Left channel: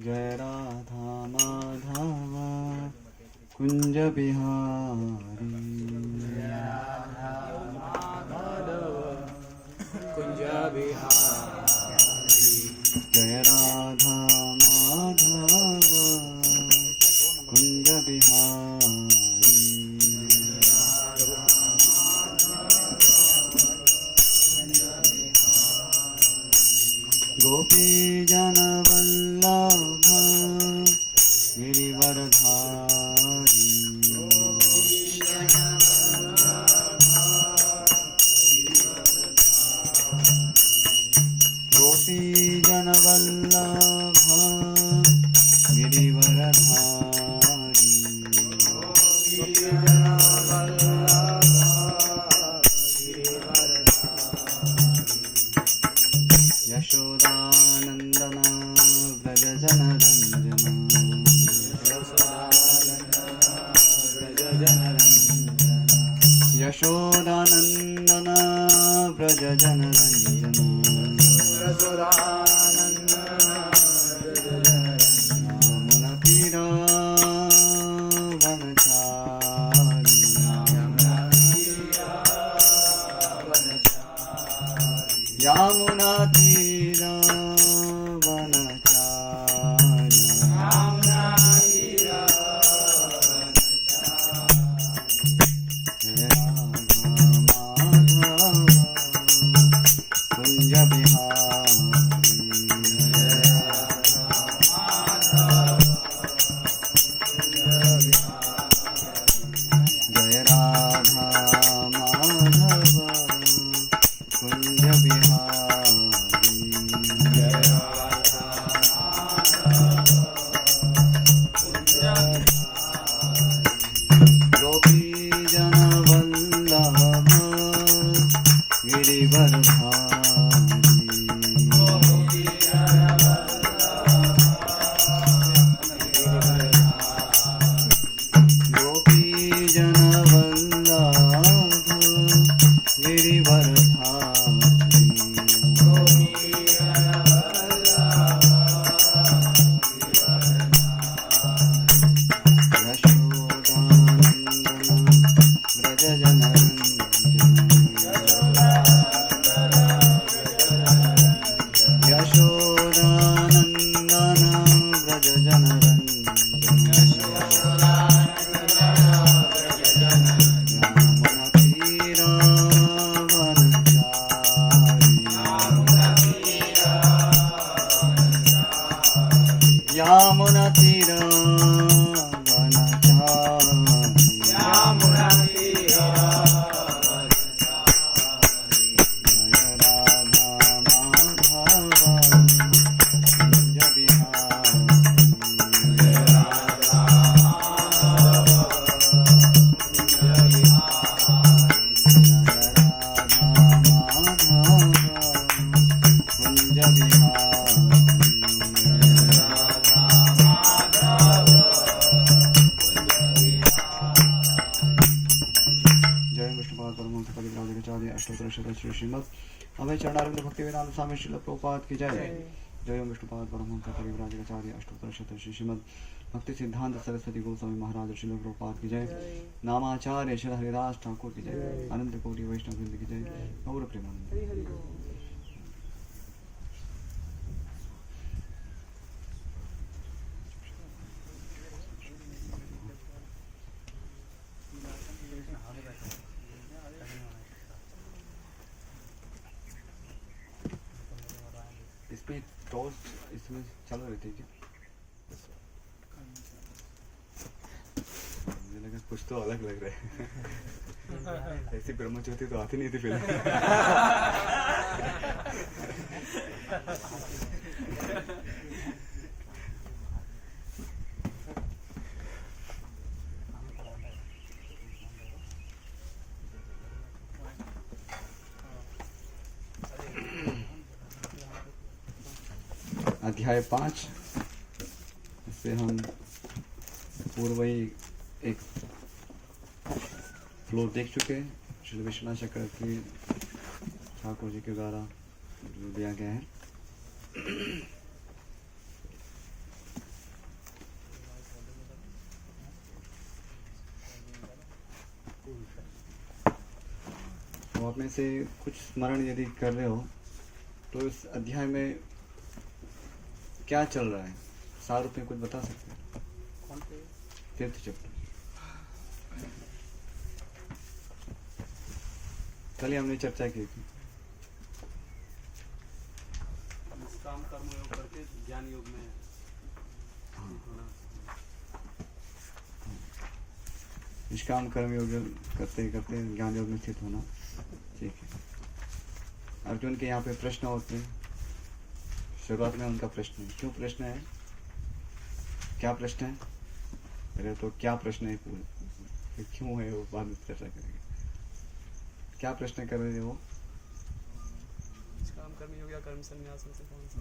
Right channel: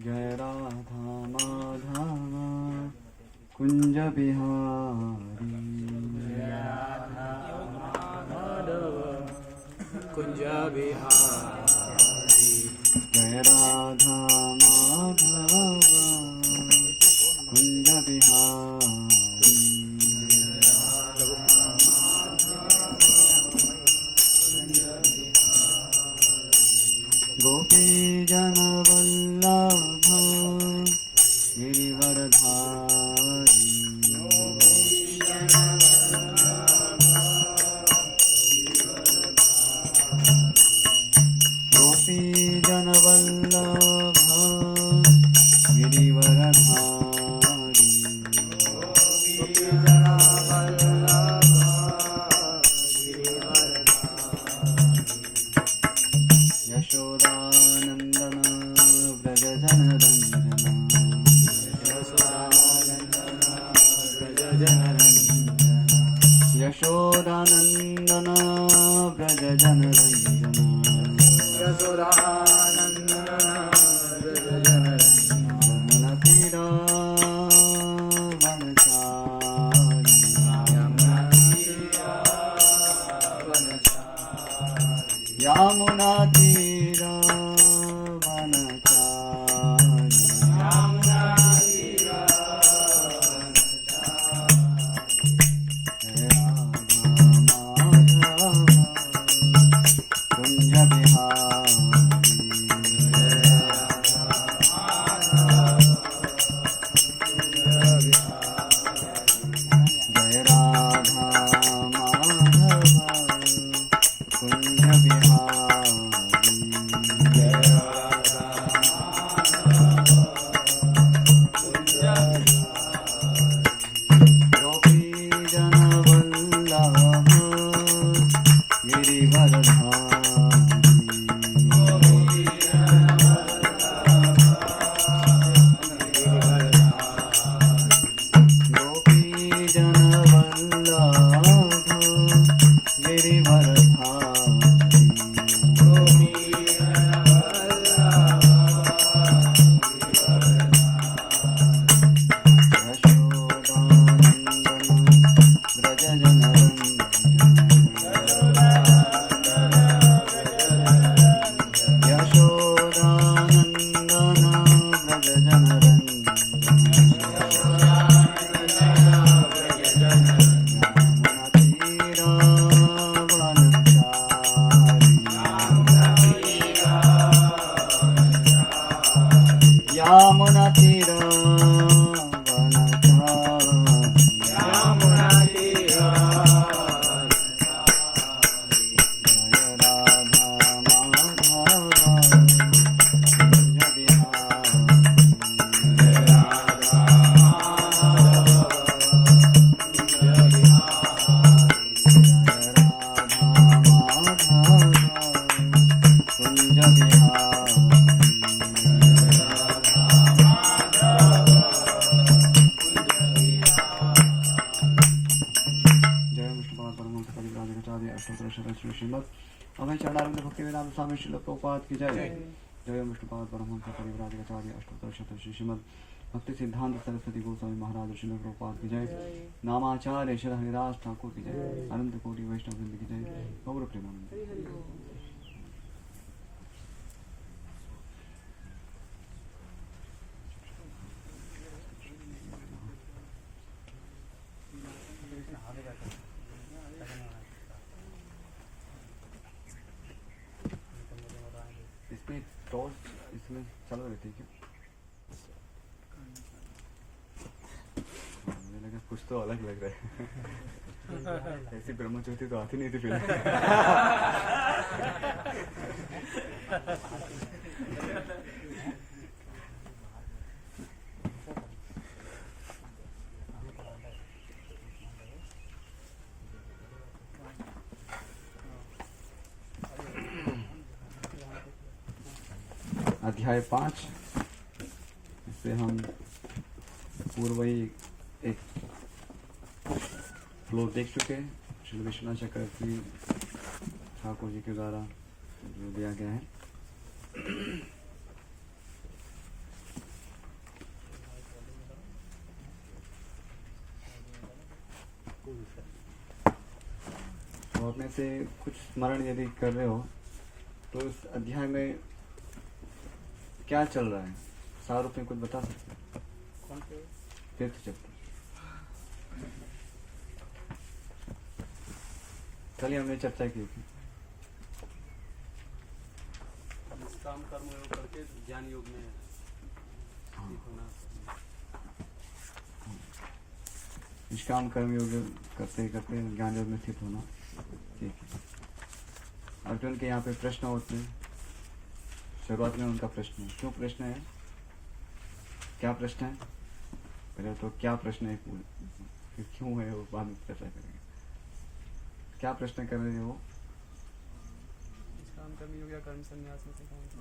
जय राधा माधव कुंज बिहारी। जय राधा माधव कुंज बिहारी। जय राधा माधव कुंज बिहारी। गोपी जन वल्लभ गिरिवरधारी। गोपी जन वल्लभ गिरिवरधारी। गोपी जन वल्लभ गिरिवरधारी। यशोदानंदन व्रज जनरंजन। यशोदानंदन व्रज जनरंजन। यशोदानंदन व्रज जनरंजन। यशोदानंदन व्रज जनरंजन। यमुना तीर वनचारी। यमुना तीर वनचारी। यमुना तीर वनचारी। यमुना तीर जय राधा माधव कुंज बिहारी। जय राधा माधव कुंज बिहारी। जय राधा गोपी जन वल्लभ गिरिवरधारी। गोपी जन वल्लभ गिरिवरधारी। यशोदानंदन व्रज जनरंजन। यशोदानंदन व्रज जनरंजन। यमुना तीर वनचारी। यमुना तीर वनचारी। यमुना तीर जय राधा माधव कुंज बिहारी। जय राधा कुंज बिहारी। कुंज बिहारी। जय विष्णुपाद परमहंस कविराजाचार्य अष्टोत्तर शतक श्री श्रीमद् अभय चरणारविंद भक्ति वेदांत स्वामी श्रील प्रभुपाद की जय। जय विष्णुपाद परमहंस कविराजाचार्य अष्टोत्तर शतक श्री श्रीमद् भक्ति सिद्धांत सरस्वती गोस्वामी महाराज श्रील प्रभुपाद की जय। नामाचार्य श्री हरिदास ठाकुर की जय। अनंत कोटि वैष्णव वृंद की जय। गौर प्रेमानंद। इसमें टॉर्च इसमें चालू रहती है क्या? मुझे लगा कुछ तो अलग लग रहा है। ऐसी ब्रह्मज्योति तो आती नहीं थी फिल्म। अध्याय 5। इससे हम पूर्व ही एक फ्लो देख चुके हैं। श्री विश्वनाथ चक्रवर्ती ठाकुर जी के द्वारा जो दिया गया है। तो आप में से कुछ स्मरण यदि कर रहे हो तो इस अध्याय में क्या चल रहा है, सार रूप में कुछ बता सकते हैं? कौन पे? तीर्थ चैप्टर। कल ही हमने चर्चा की थी। निष्काम कर्म योग करके ज्ञान योग में स्थित होना। निष्काम कर्म योग करते करते ज्ञान योग में स्थित होना। ठीक है। अर्जुन के यहाँ पे प्रश्न होते हैं। शुरुआत में उनका प्रश्न है, क्यों प्रश्न है, क्या प्रश्न है? पहले तो क्या प्रश्न है, फिर क्यों है वो बाद में चर्चा करेंगे। क्या प्रश्न कर रहे थे वो? निष्काम कर्म योग या कर्म संन्यास में से कौन सा?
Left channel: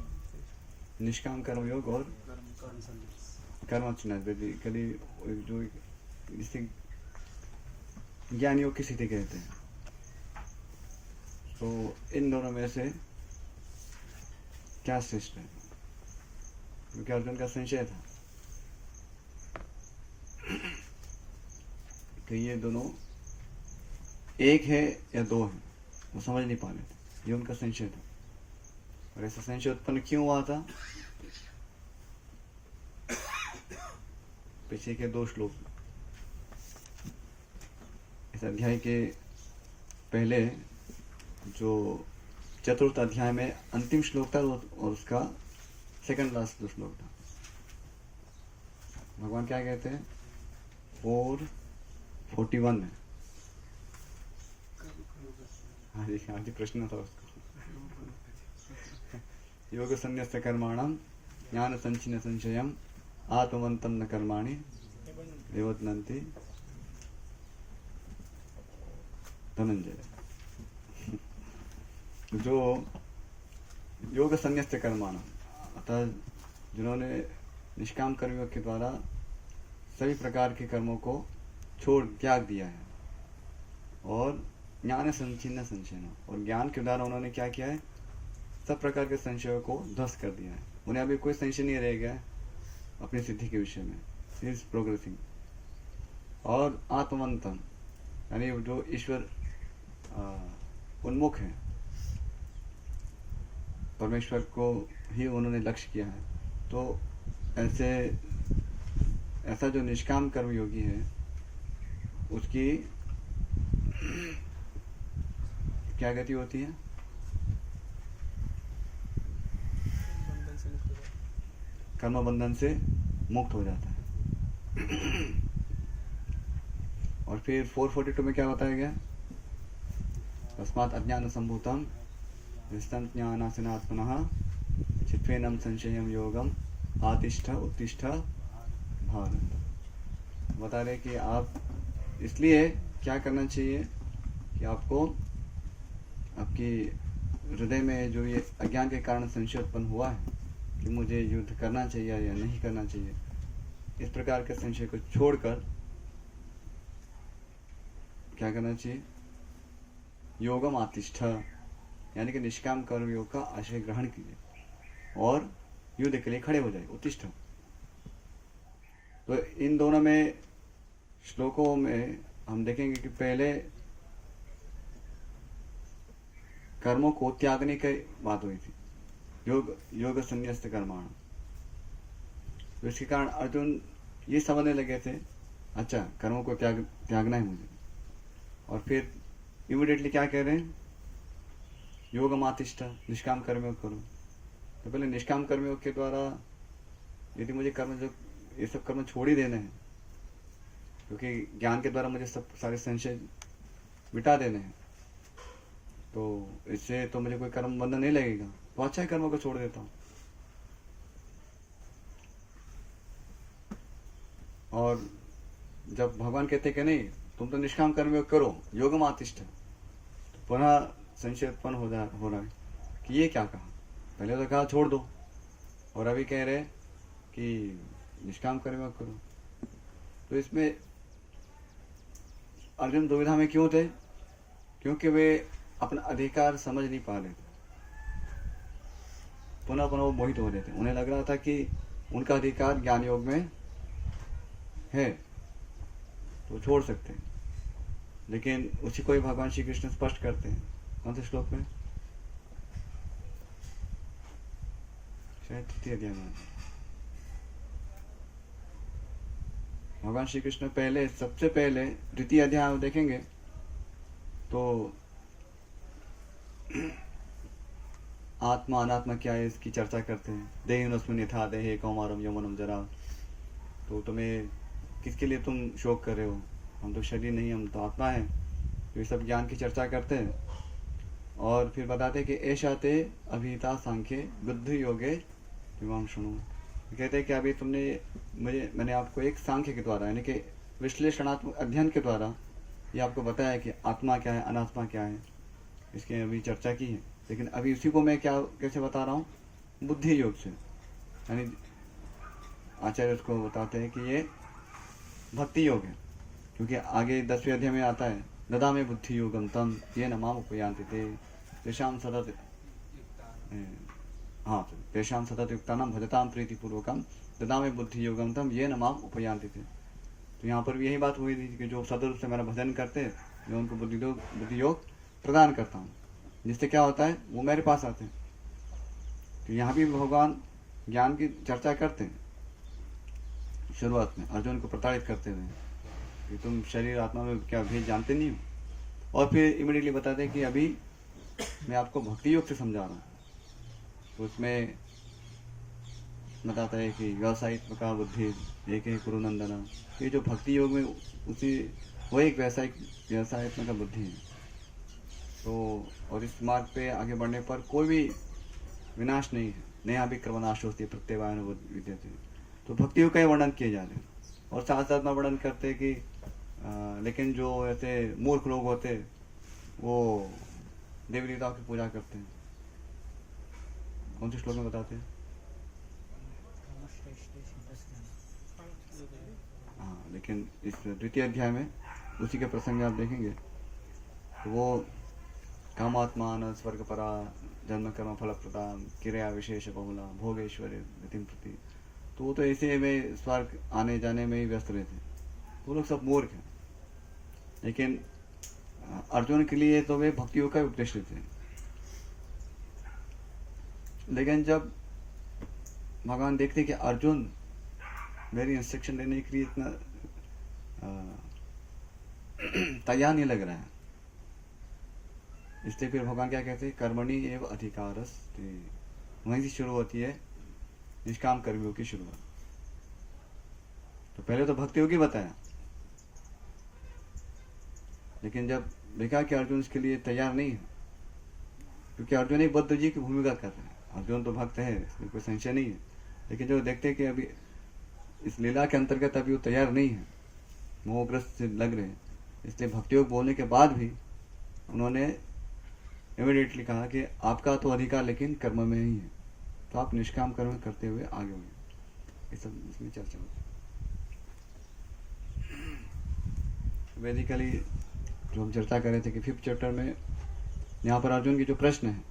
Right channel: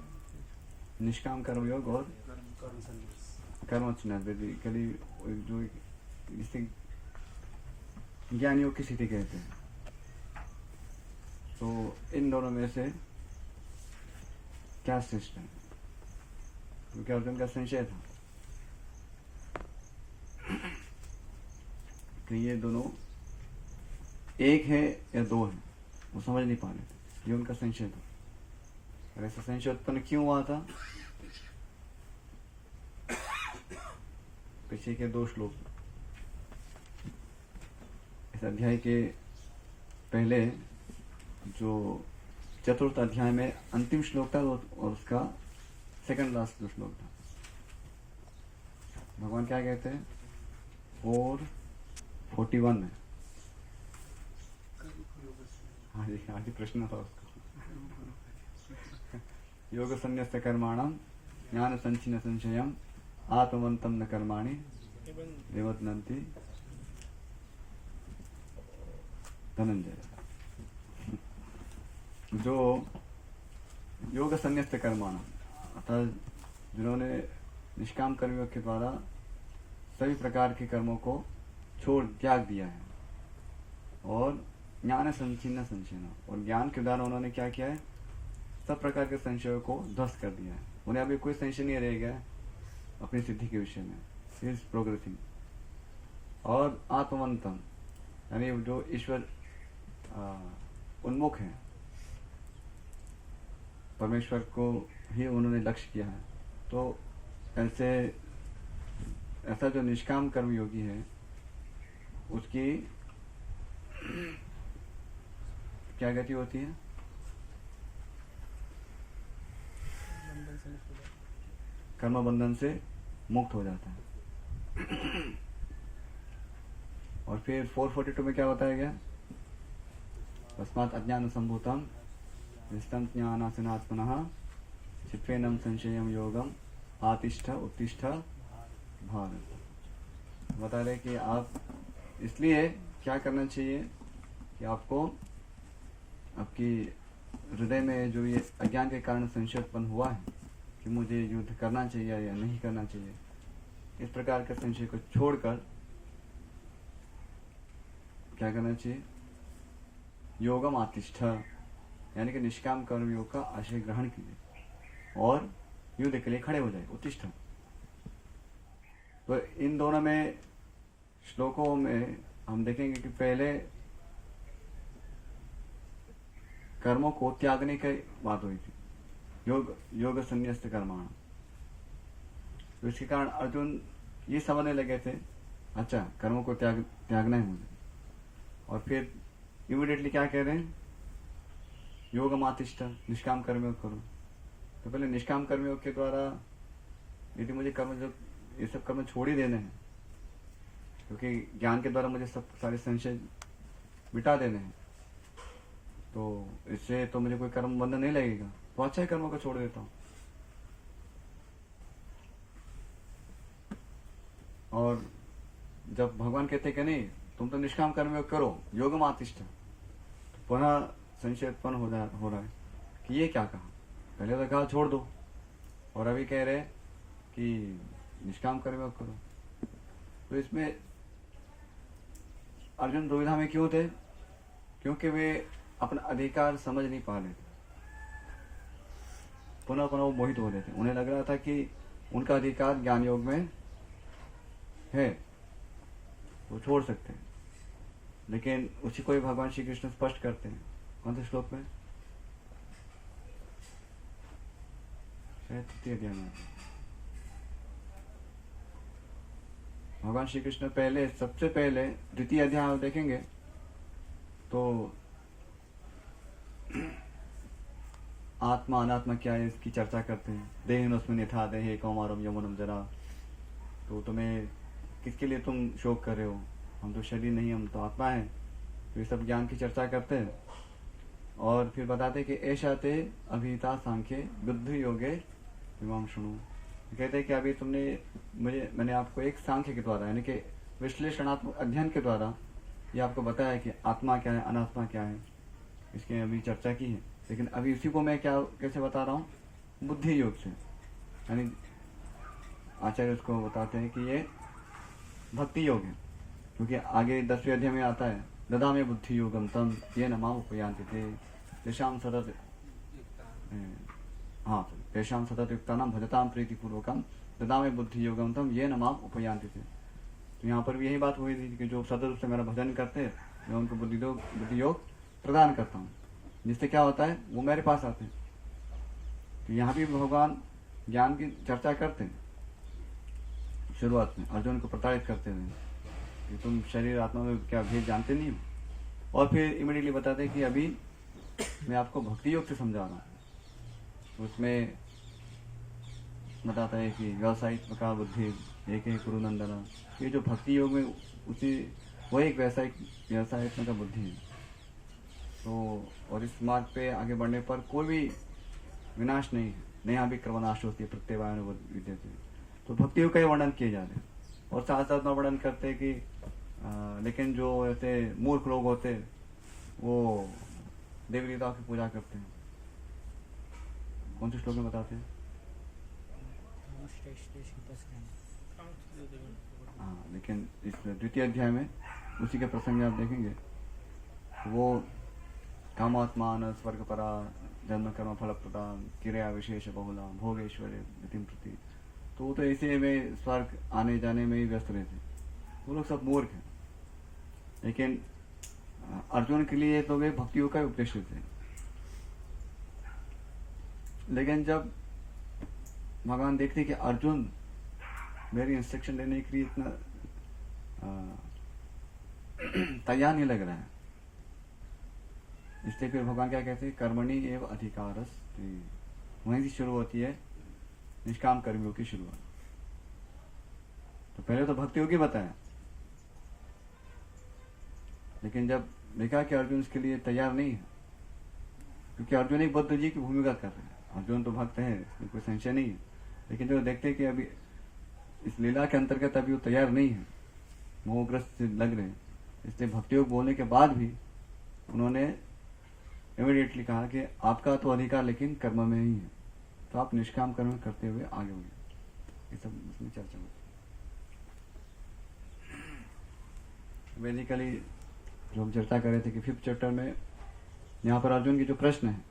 निष्काम कर्म योग और कर्म संन्यास। कर्म संन्यास बेसिकली जो इसे ज्ञान योग की स्थिति कहते हैं। तो इन दोनों में से क्या श्रेष्ठ है? क्योंकि अर्जुन का संशय था कि ये दोनों एक है या दो है, वो समझ नहीं पा रहे थे। ये उनका संशय था। और ऐसा संशय उत्पन्न क्यों हुआ था? पीछे के 2 श्लोक इस अध्याय के पहले जो चतुर्थ अध्याय में अंतिम श्लोक था और उसका सेकंड लास्ट जो श्लोक था, भगवान क्या कहते हैं 4:41 में? हाँ जी प्रश्न था उसका। योग संन्यस्त कर्माणाम ज्ञान संचिन संशयम आत्मवंतम न कर्माणि निवर्तन्ति धनंजय। जो योग संन्यस्त कर्माणाम अर्थात जिन्होंने निष्काम कर्मियों के द्वारा सभी प्रकार के कर्मों को छोड़ त्याग दिया है और ज्ञान संचिन्न संशय, और ज्ञान के द्वारा उन्होंने क्या किया है, सब प्रकार के संशयों को ध्वस्त कर दिया है। उन्हें अभी कोई संशय नहीं रह गया अपनी सिद्धि के विषय में। He is progressing. और आत्मवंतम यानी जो ईश्वर उन्मुख है, परमेश्वर को ही उन्होंने लक्ष्य किया है। तो ऐसा जो निष्काम कर्म योगी है उसकी क्या गति होती है? कर्म बंधन से मुक्त हो जाता है। और फिर 442 में क्या बताया गया? तस्मात् अज्ञान संभूतम विस्तम ज्ञानासनात्मनः चित्वेनम संशयम योगम आतिष्ठ उत्तिष्ठ भारत। बता रहे कि आप इसलिए क्या करना चाहिए कि आपको आपकी हृदय में जो ये अज्ञान के कारण संशय उत्पन्न हुआ है कि मुझे युद्ध करना चाहिए या नहीं करना चाहिए, इस प्रकार के संशय को छोड़कर क्या करना चाहिए? योगम आतिष्ठ यानी कि निष्काम कर्म योग का आश्रय ग्रहण कीजिए और युद्ध के लिए खड़े हो जाए, उत्तिष्ठ। तो इन दोनों में श्लोकों में हम देखेंगे कि पहले कर्मों को त्यागने की बात हुई थी, योग संन्यस्त कर्माण। तो इसके कारण अर्जुन ये समझने लगे थे, अच्छा कर्मों को त्यागना है मुझे। और फिर इमीडिएटली क्या कह रहे हैं? योग आतिष्ठ, निष्काम कर्मयोग करो। तो पहले निष्काम कर्मयोग के द्वारा यदि मुझे कर्म जो ये सब कर्म छोड़ ही देने हैं, क्योंकि ज्ञान के द्वारा मुझे सब सारे संशय मिटा देने हैं, तो इससे तो मुझे कोई कर्म बंधन नहीं लगेगा, तो अच्छा ही कर्मों को छोड़ देता हूँ। और जब भगवान कहते कि नहीं तुम तो निष्काम कर्मयोग करो, योगम आतिष्ठ, तो पुनः संशय उत्पन्न हो रहा है कि ये क्या कहा? पहले तो कहा छोड़ दो और अभी कह रहे कि निष्काम कर्मयोग करो। तो इसमें अर्जुन दुविधा में क्यों थे? क्योंकि वे अपना अधिकार समझ नहीं पा रहे थे। पुनः पुनः वो मोहित हो रहे थे। उन्हें लग रहा था कि उनका अधिकार ज्ञान योग में है, तो छोड़ सकते हैं। लेकिन उसी को ही भगवान श्री कृष्ण स्पष्ट करते हैं। कौन से श्लोक में? शायद तृतीय अध्याय में भगवान श्री कृष्ण पहले, सबसे पहले द्वितीय अध्याय में देखेंगे तो आत्मा अनात्मा क्या है इसकी चर्चा करते हैं। देहिनोस्मिन् यथा देहे कौमारम यौवनम जरा। तो तुम्हें किसके लिए तुम शोक कर रहे हो? हम तो शरीर नहीं, हम तो आत्मा है। तो ये सब ज्ञान की चर्चा करते हैं और फिर बताते हैं कि ऐसा ते अभिता सांख्य बुद्धि योगे विमाम सुनो। कहते हैं कि अभी मैंने आपको एक सांख्य के द्वारा यानी कि विश्लेषणात्मक अध्ययन के द्वारा ये आपको बताया कि आत्मा क्या है, अनात्मा क्या है, इसकी अभी चर्चा की है। लेकिन अभी उसी को मैं कैसे बता रहा हूँ? बुद्धि योग से। यानी आचार्य उसको बताते हैं कि ये भक्ति योग है, क्योंकि आगे 10वें अध्याय में आता है ददा में बुद्धि योगम तम ये न माम उपयांति थे तेषाम सतत तेषाम सतत युक्तानाम भजताम प्रीति पूर्वकम ददा में बुद्धि योगम तम ये न माम उपयांति थे। तो यहाँ पर भी यही बात हुई थी कि जो सदरूप से मेरा भजन करते हैं मैं उनको बुद्धि योग प्रदान करता हूँ, जिससे क्या होता है वो मेरे पास आते हैं। तो यहाँ भी भगवान ज्ञान की चर्चा करते हैं शुरुआत में अर्जुन को प्रताड़ित करते हुए कि तुम शरीर आत्मा में क्या भेद जानते नहीं हो। और फिर इमीडिएटली बताते हैं कि अभी मैं आपको भक्ति योग से समझा रहा हूँ। तो उसमें बताता है कि व्यावसायिक प्रकार बुद्धि एक है कुरुनंदना। ये जो भक्ति योग में उसी वही एक व्यवसायिक का बुद्धि है। तो और इस मार्ग पे आगे बढ़ने पर कोई भी विनाश नहीं है, नया भी कर्मनाश होती है प्रत्यवायन विद्यते। तो भक्ति योग का वर्णन किए जा रहे हैं और साथ साथ में वर्णन करते हैं कि लेकिन जो ऐसे मूर्ख लोग होते वो देवी देवताओं की पूजा करते हैं। कौन से श्लोक में बताते हैं? हाँ, लेकिन इस द्वितीय अध्याय में उसी के प्रसंग आप देखेंगे तो वो कामात्मान स्वर्ग परा जन्म कर्म फल प्रदान क्रिया विशेष बहुला भोगेश्वर्य नितिम प्रति। तो वो तो ऐसे में स्वर्ग आने जाने में ही व्यस्त रहते। वो लोग सब मूर्ख हैं। लेकिन अर्जुन के लिए तो वे भक्तियों का उपदेश देते हैं। लेकिन जब भगवान देखते कि अर्जुन मेरी इंस्ट्रक्शन देने के लिए इतना तैयार नहीं लग रहा है, इसलिए फिर भगवान क्या कहते हैं? कर्मणि एव अधिकारस्ते। वहीं से शुरू होती है निष्काम कर्मियों की शुरुआत। तो पहले तो भक्ति योगी बताया, लेकिन जब देखा कि अर्जुन इसके लिए तैयार नहीं है, क्योंकि अर्जुन एक बद्ध जी की भूमिका कर रहे हैं। अर्जुन तो भक्त है, इसमें कोई संशय नहीं है। लेकिन जो देखते हैं कि अभी इस लीला के अंतर्गत अभी वो तैयार नहीं है, मोहग्रस्त लग रहे हैं, इसलिए भक्ति योग बोलने के बाद भी उन्होंने इमीडिएटली कहा कि आपका तो अधिकार लेकिन कर्म में ही है, तो आप निष्काम कर्म करते हुए आगे होंगे। ये सब उसमें चर्चा होती है। बेसिकली जो हम चर्चा कर रहे थे कि 5th चैप्टर में यहाँ पर अर्जुन की जो प्रश्न है,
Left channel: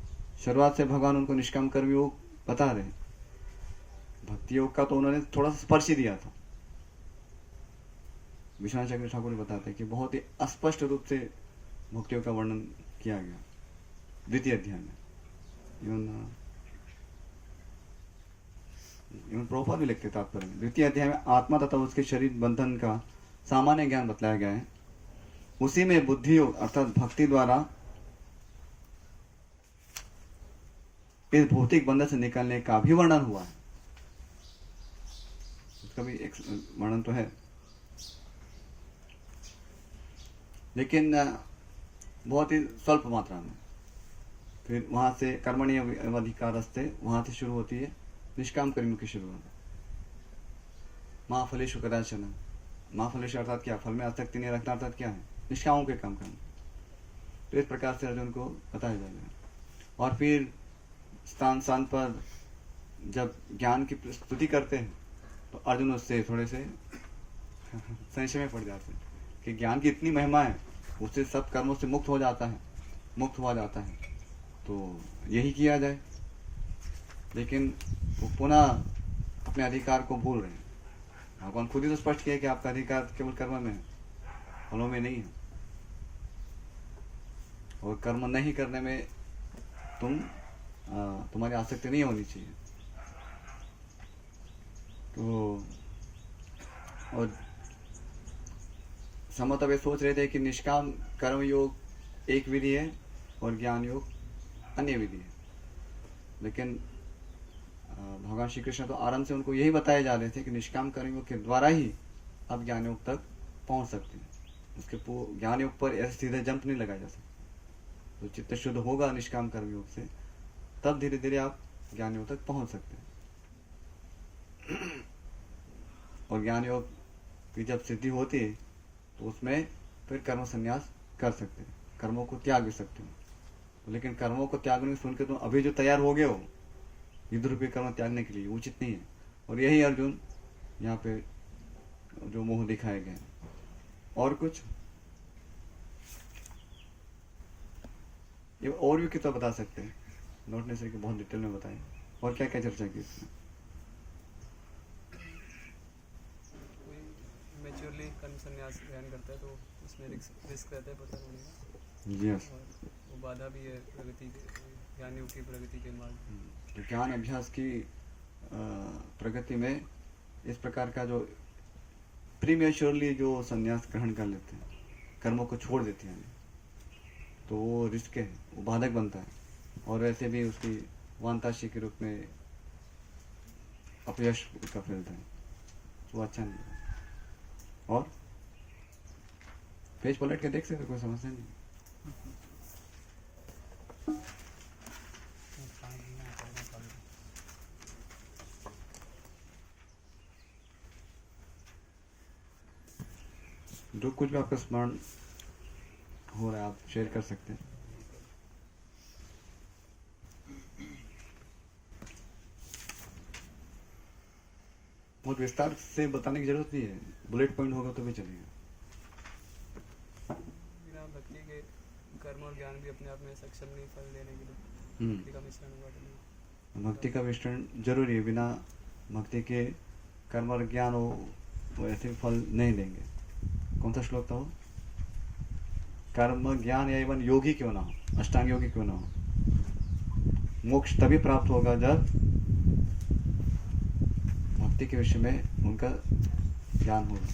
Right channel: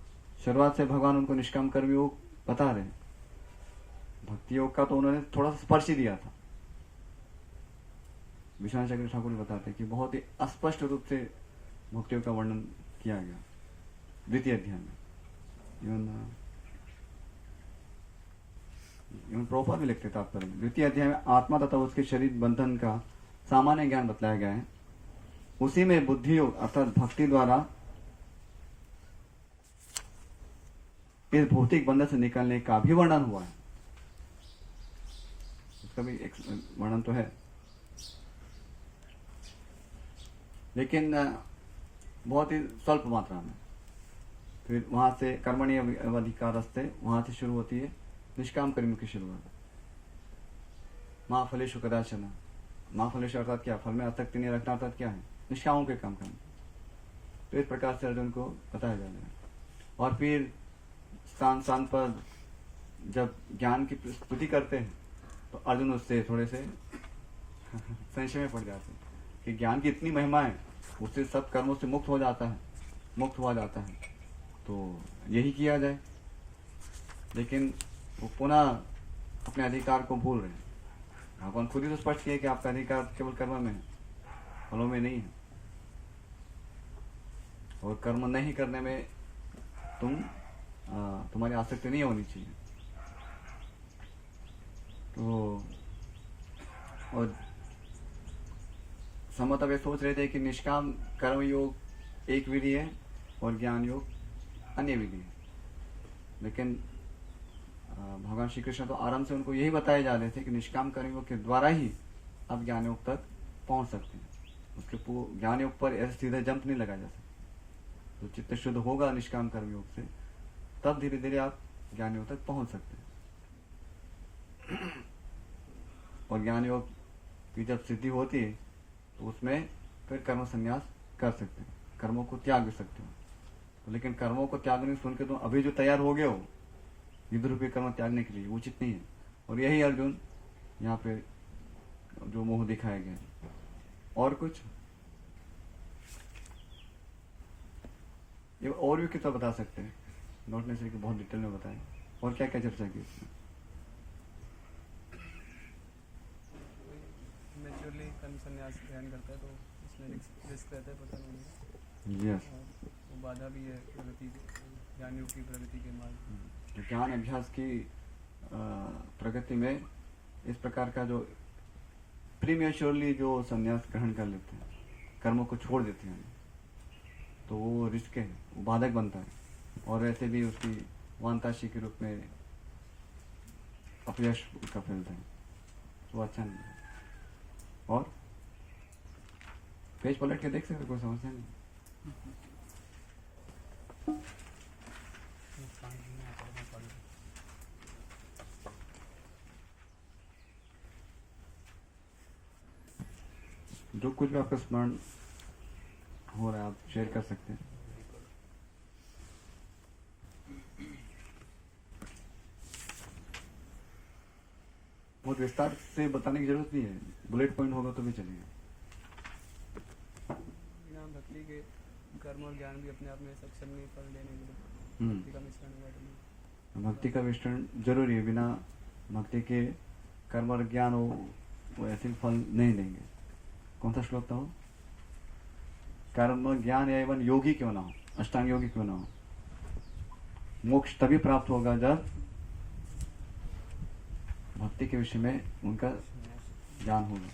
शुरुआत से भगवान उनको निष्काम कर्म योग बता रहे। भक्ति योग का तो उन्होंने थोड़ा सा स्पर्श ही दिया था। विश्वनाथ चक्र ठाकुर बताते कि बहुत ही अस्पष्ट रूप से भक्ति योग का वर्णन किया गया द्वितीय अध्याय में। इवन प्रभुपाद भी लिखते तात्पर्य में द्वितीय अध्याय में आत्मा तथा उसके शरीर बंधन का सामान्य ज्ञान बतलाया गया है। उसी में बुद्धि योग अर्थात भक्ति द्वारा इस भौतिक बंधन से निकलने का भी वर्णन हुआ है। उसका भी एक वर्णन तो है, लेकिन बहुत ही स्वल्प मात्रा में। फिर वहां से कर्मणि अधिकारस्ते, वहां से शुरू होती है निष्काम कर्म की शुरुआत। माँ फलेषु कदाचन। माँ फलेषु अर्थात क्या? फल में आसक्ति नहीं रखना अर्थात क्या है? निष्कामों के काम करना। तो इस प्रकार से अर्जुन को बताया जा रहा है। और फिर स्थान स्थान पर जब ज्ञान की स्तुति करते हैं तो अर्जुन उससे थोड़े से संशय में पड़ जाते हैं कि ज्ञान की इतनी महिमा है, उससे सब कर्मों से मुक्त हुआ जाता है, तो यही किया जाए। लेकिन वो पुनः अपने अधिकार को भूल रहे हैं। भगवान खुद ही तो स्पष्ट किया कि आपका अधिकार केवल कर्म में है, फलों में नहीं है। और कर्म नहीं करने में तुम्हारी आसक्ति नहीं होनी चाहिए। तो और समत अब ये सोच रहे थे कि निष्काम कर्म योग एक विधि है और ज्ञान योग अन्य विधि है, लेकिन भगवान श्री कृष्ण तो आराम से उनको यही बताए जा रहे थे कि निष्काम कर्म योग के द्वारा ही आप ज्ञान योग तक पहुंच सकते हैं। उसके ज्ञान योग पर ऐसे सीधे जंप नहीं लगाया जा सकता। तो चित्त शुद्ध होगा निष्काम कर्म योग से, तब धीरे धीरे आप ज्ञान योग तक पहुंच सकते हैं। और ज्ञान योग की जब सिद्धि होती है तो उसमें फिर कर्म संन्यास कर सकते हैं, कर्मों को त्याग भी सकते हो। लेकिन कर्मों को त्यागने सुन के तुम अभी जो तैयार हो गए हो युद्ध रूपी कर्म त्यागने के लिए, उचित नहीं है। और यही अर्जुन यहाँ पे जो मोह दिखाए गए। और कुछ ये और भी कितना बता सकते हैं, नॉट नेसेसरी कि बहुत डिटेल में बताएं। और क्या क्या चर्चा की इसमें? मैच्योरली कर्म संन्यास ध्यान करता है तो उसमें रिस्क रहता है, पता नहीं है। यस, वो बाधा भी है प्रगति ज्ञान योग की प्रगति के मार्ग। तो ज्ञान अभ्यास की प्रगति में इस प्रकार का जो प्रीमेच्योरली जो संन्यास ग्रहण कर लेते हैं, कर्मों को छोड़ देते हैं, तो वो रिस्क है, वो बाधक बनता है। और वैसे भी उसकी वांताशी के रूप में अपयश का फैलता है, वो अच्छा नहीं है। और पेज पलट के देख सकते, कोई समस्या नहीं। जो कुछ भी आपका स्मरण हो रहा है आप शेयर कर सकते हैं। बहुत विस्तार से बताने की जरूरत नहीं है, बुलेट पॉइंट होगा तो भी चलेगा। बिना भक्ति के कर्म और ज्ञान भी अपने आप में सक्षम नहीं फल देने के लिए भक्ति का मिश्रण हुआ तो नहीं। भक्ति का मिश्रण जरूरी है, बिना भक्ति के कर्म और ज्ञान हो वो ऐसे भी फल नहीं देंगे। कौन सा श्लोक था वो? कर्म ज्ञान या एवं योगी क्यों ना हो, अष्टांग योगी क्यों ना हो, मोक्ष तभी प्राप्त होगा जब भक्ति के विषय में उनका ज्ञान होगा।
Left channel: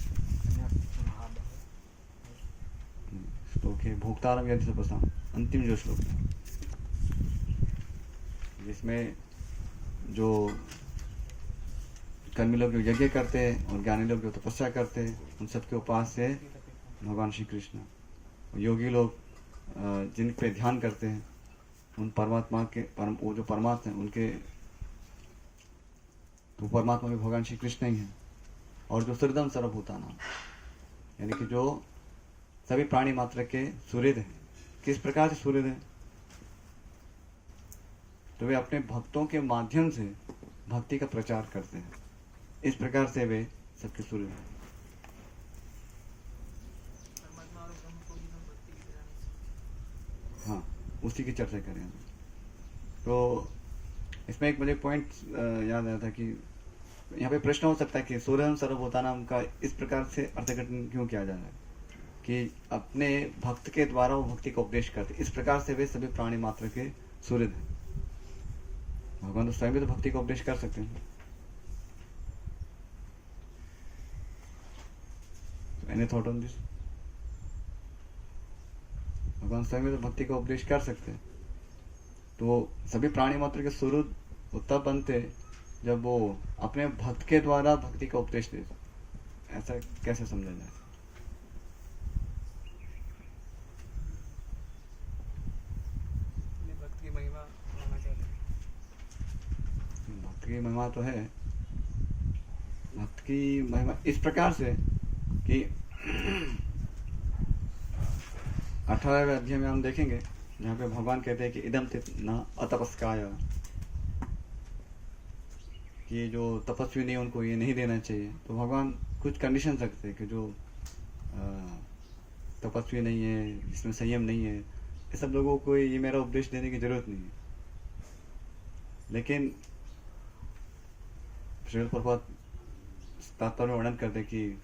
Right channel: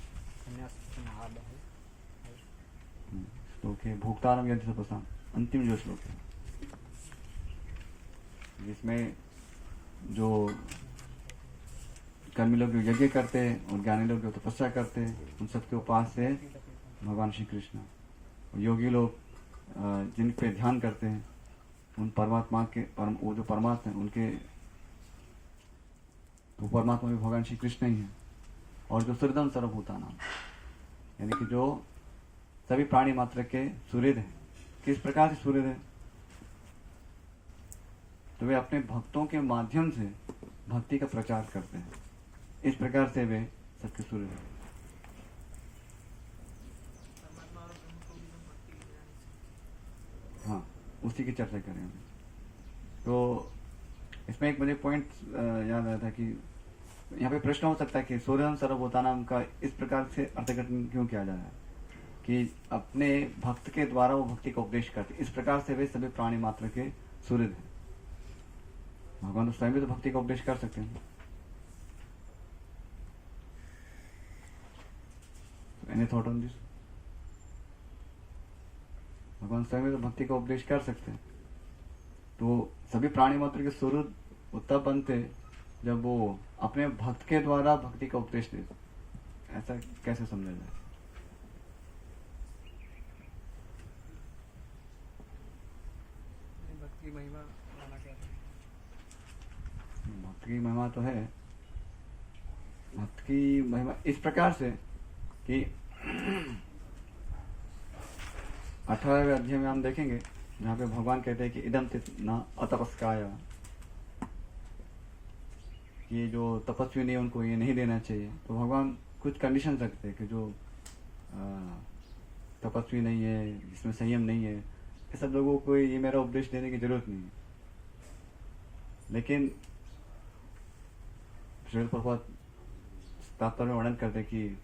श्लोक है भोक्तारम यदि तपसा, अंतिम जो श्लोक है, जिसमें जो कर्मी लोग जो यज्ञ करते हैं और ज्ञानी लोग जो तपस्या करते हैं, उन सबके उपास्य है भगवान श्री कृष्ण। योगी लोग जिन पे ध्यान करते हैं उन परमात्मा के वो जो परमात्मा है उनके, तो परमात्मा भी भगवान श्री कृष्ण ही है। और जो सुहृदम सर्वभूतानां, यानी कि जो सभी प्राणी मात्र के सुहृद है। किस प्रकार से सुहृद है? तो वे अपने भक्तों के माध्यम से भक्ति का प्रचार करते हैं, इस प्रकार से वे सबके सुहृद हैं। हाँ, उसी की चर्चा करें हम। तो इसमें एक मुझे पॉइंट याद आया था कि यहाँ पे प्रश्न हो सकता है कि सुहृदम सर्वभूतानां का इस प्रकार से अर्थघटन क्यों किया जा रहा है कि अपने भक्त के द्वारा वो भक्ति का उपदेश करते, इस प्रकार से वे सभी प्राणी मात्र के सुहृद हैं। भगवान तो स्वयं भी तो भक्ति का उपदेश कर सकते हैं। Any thought on this? भगवान स्वयं भी तो भक्ति का उपदेश कर सकते हैं, तो सभी प्राणी मात्र के सुहृद तब बनते जब वो अपने भक्त के द्वारा भक्ति का उपदेश देते। ऐसा कैसे समझा जाए? भक्त की महिमा माना चाहते हैं। भक्त की महिमा तो है, भक्त की महिमा इस प्रकार से कि 18वें अध्याय में हम देखेंगे जहाँ पे भगवान कहते हैं कि इदम न अतपस्काय, कि जो तपस्वी नहीं उनको ये नहीं देना चाहिए। तो भगवान कुछ कंडीशन रखते हैं कि जो तपस्वी नहीं है, जिसमें संयम नहीं है, ये सब लोगों को ये मेरा उपदेश देने की जरूरत नहीं है। लेकिन श्रील प्रभुपाद तात्पर्य में वर्णन करते कि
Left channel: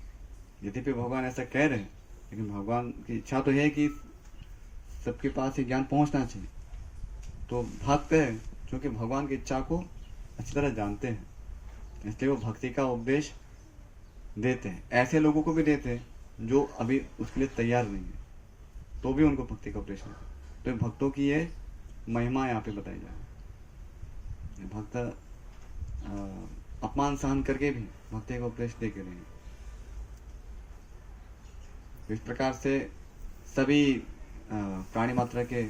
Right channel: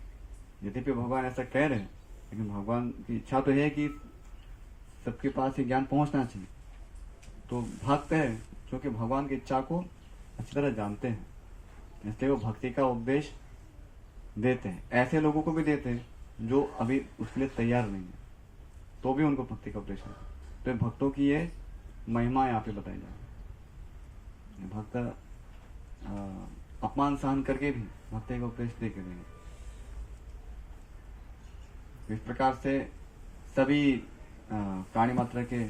यद्यपि भगवान ऐसा कह रहे हैं, लेकिन भगवान की इच्छा तो है कि सबके पास ये ज्ञान पहुंचना चाहिए। तो भक्त है जो कि भगवान की इच्छा को अच्छी तरह जानते हैं, इसलिए वो भक्ति का उपदेश देते हैं। ऐसे लोगों को भी देते हैं जो अभी उसके लिए तैयार नहीं है, तो भी उनको भक्ति का उपदेश देते हैं। तो भक्तों की ये महिमा यहाँ पे बताई जाए। भक्त अपमान सहन करके भी भक्ति का उपदेश दे के रहेंगे। तो इस प्रकार से सभी प्राणी मात्र के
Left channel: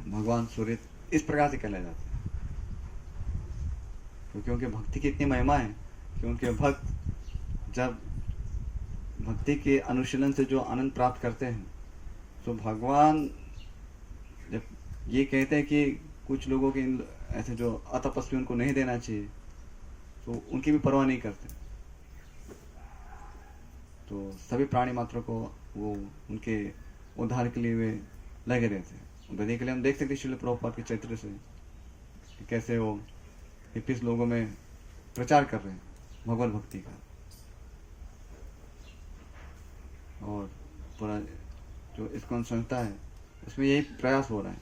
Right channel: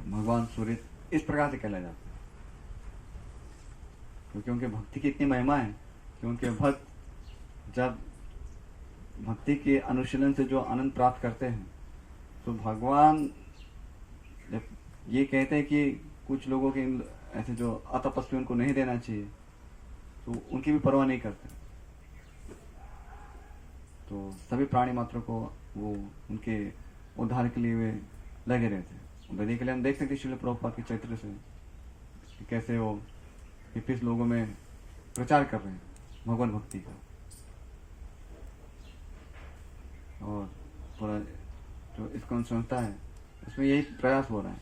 भगवान सूर्य इस प्रकार से कहलाए जाते हैं, क्योंकि उनके भक्ति की इतनी महिमा है कि उनके भक्त जब भक्ति के अनुशीलन से जो आनंद प्राप्त करते हैं, तो भगवान जब ये कहते हैं कि कुछ लोगों के ऐसे जो अतपस्वी उनको नहीं देना चाहिए, तो उनकी भी परवाह नहीं करते। तो सभी प्राणी मात्रों को वो उनके उद्धार के लिए वे लगे रहते हैं। वैदिक के लिए हम देख सकते हैं श्रील प्रभुपाद के चरित्र से कि कैसे वो हिप्पीस लोगों में प्रचार कर रहे हैं भगवत भक्ति का, और पूरा जो इस्कॉन संस्था है उसमें यही प्रयास हो रहा है।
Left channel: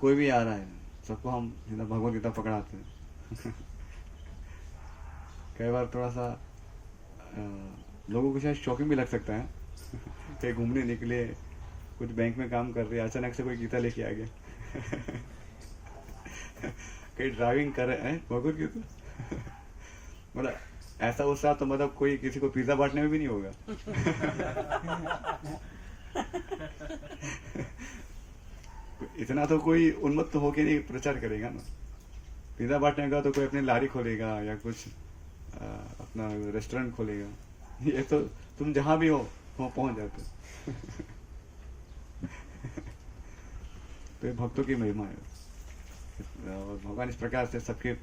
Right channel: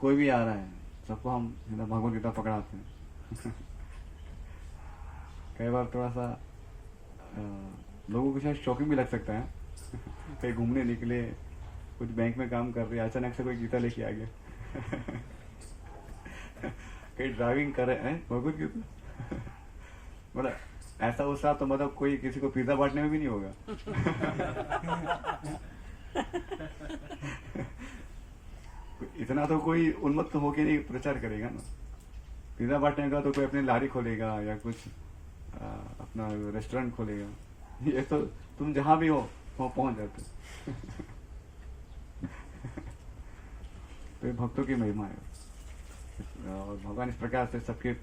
कोई भी आ रहा है सबको हम सीधा भगवत गीता पकड़ाते हैं। कई बार थोड़ा सा लोगों को शायद शॉकिंग भी लग सकता है। कहीं घूमने निकले, कुछ बैंक में काम कर रहे, अचानक से कोई गीता लेके आ गया। कहीं ड्राइविंग कर रहे हैं भगवत गीता। मतलब ऐसा उत्साह तो मतलब कोई किसी को पिज्जा बांटने में भी नहीं होगा। इतना तो कोई उन्मत्त होके नहीं प्रचार करेगा ना। पिज्जा बांटने का तो कोई अपनी लारी खोलेगा या कुछ अपना रेस्टोरेंट खोलेगा। ये तो तुम जहां भी हो वहां पहुंच जाते हो। तो ये भक्तों की महिमा है, और भगवान इस प्रकार से सबके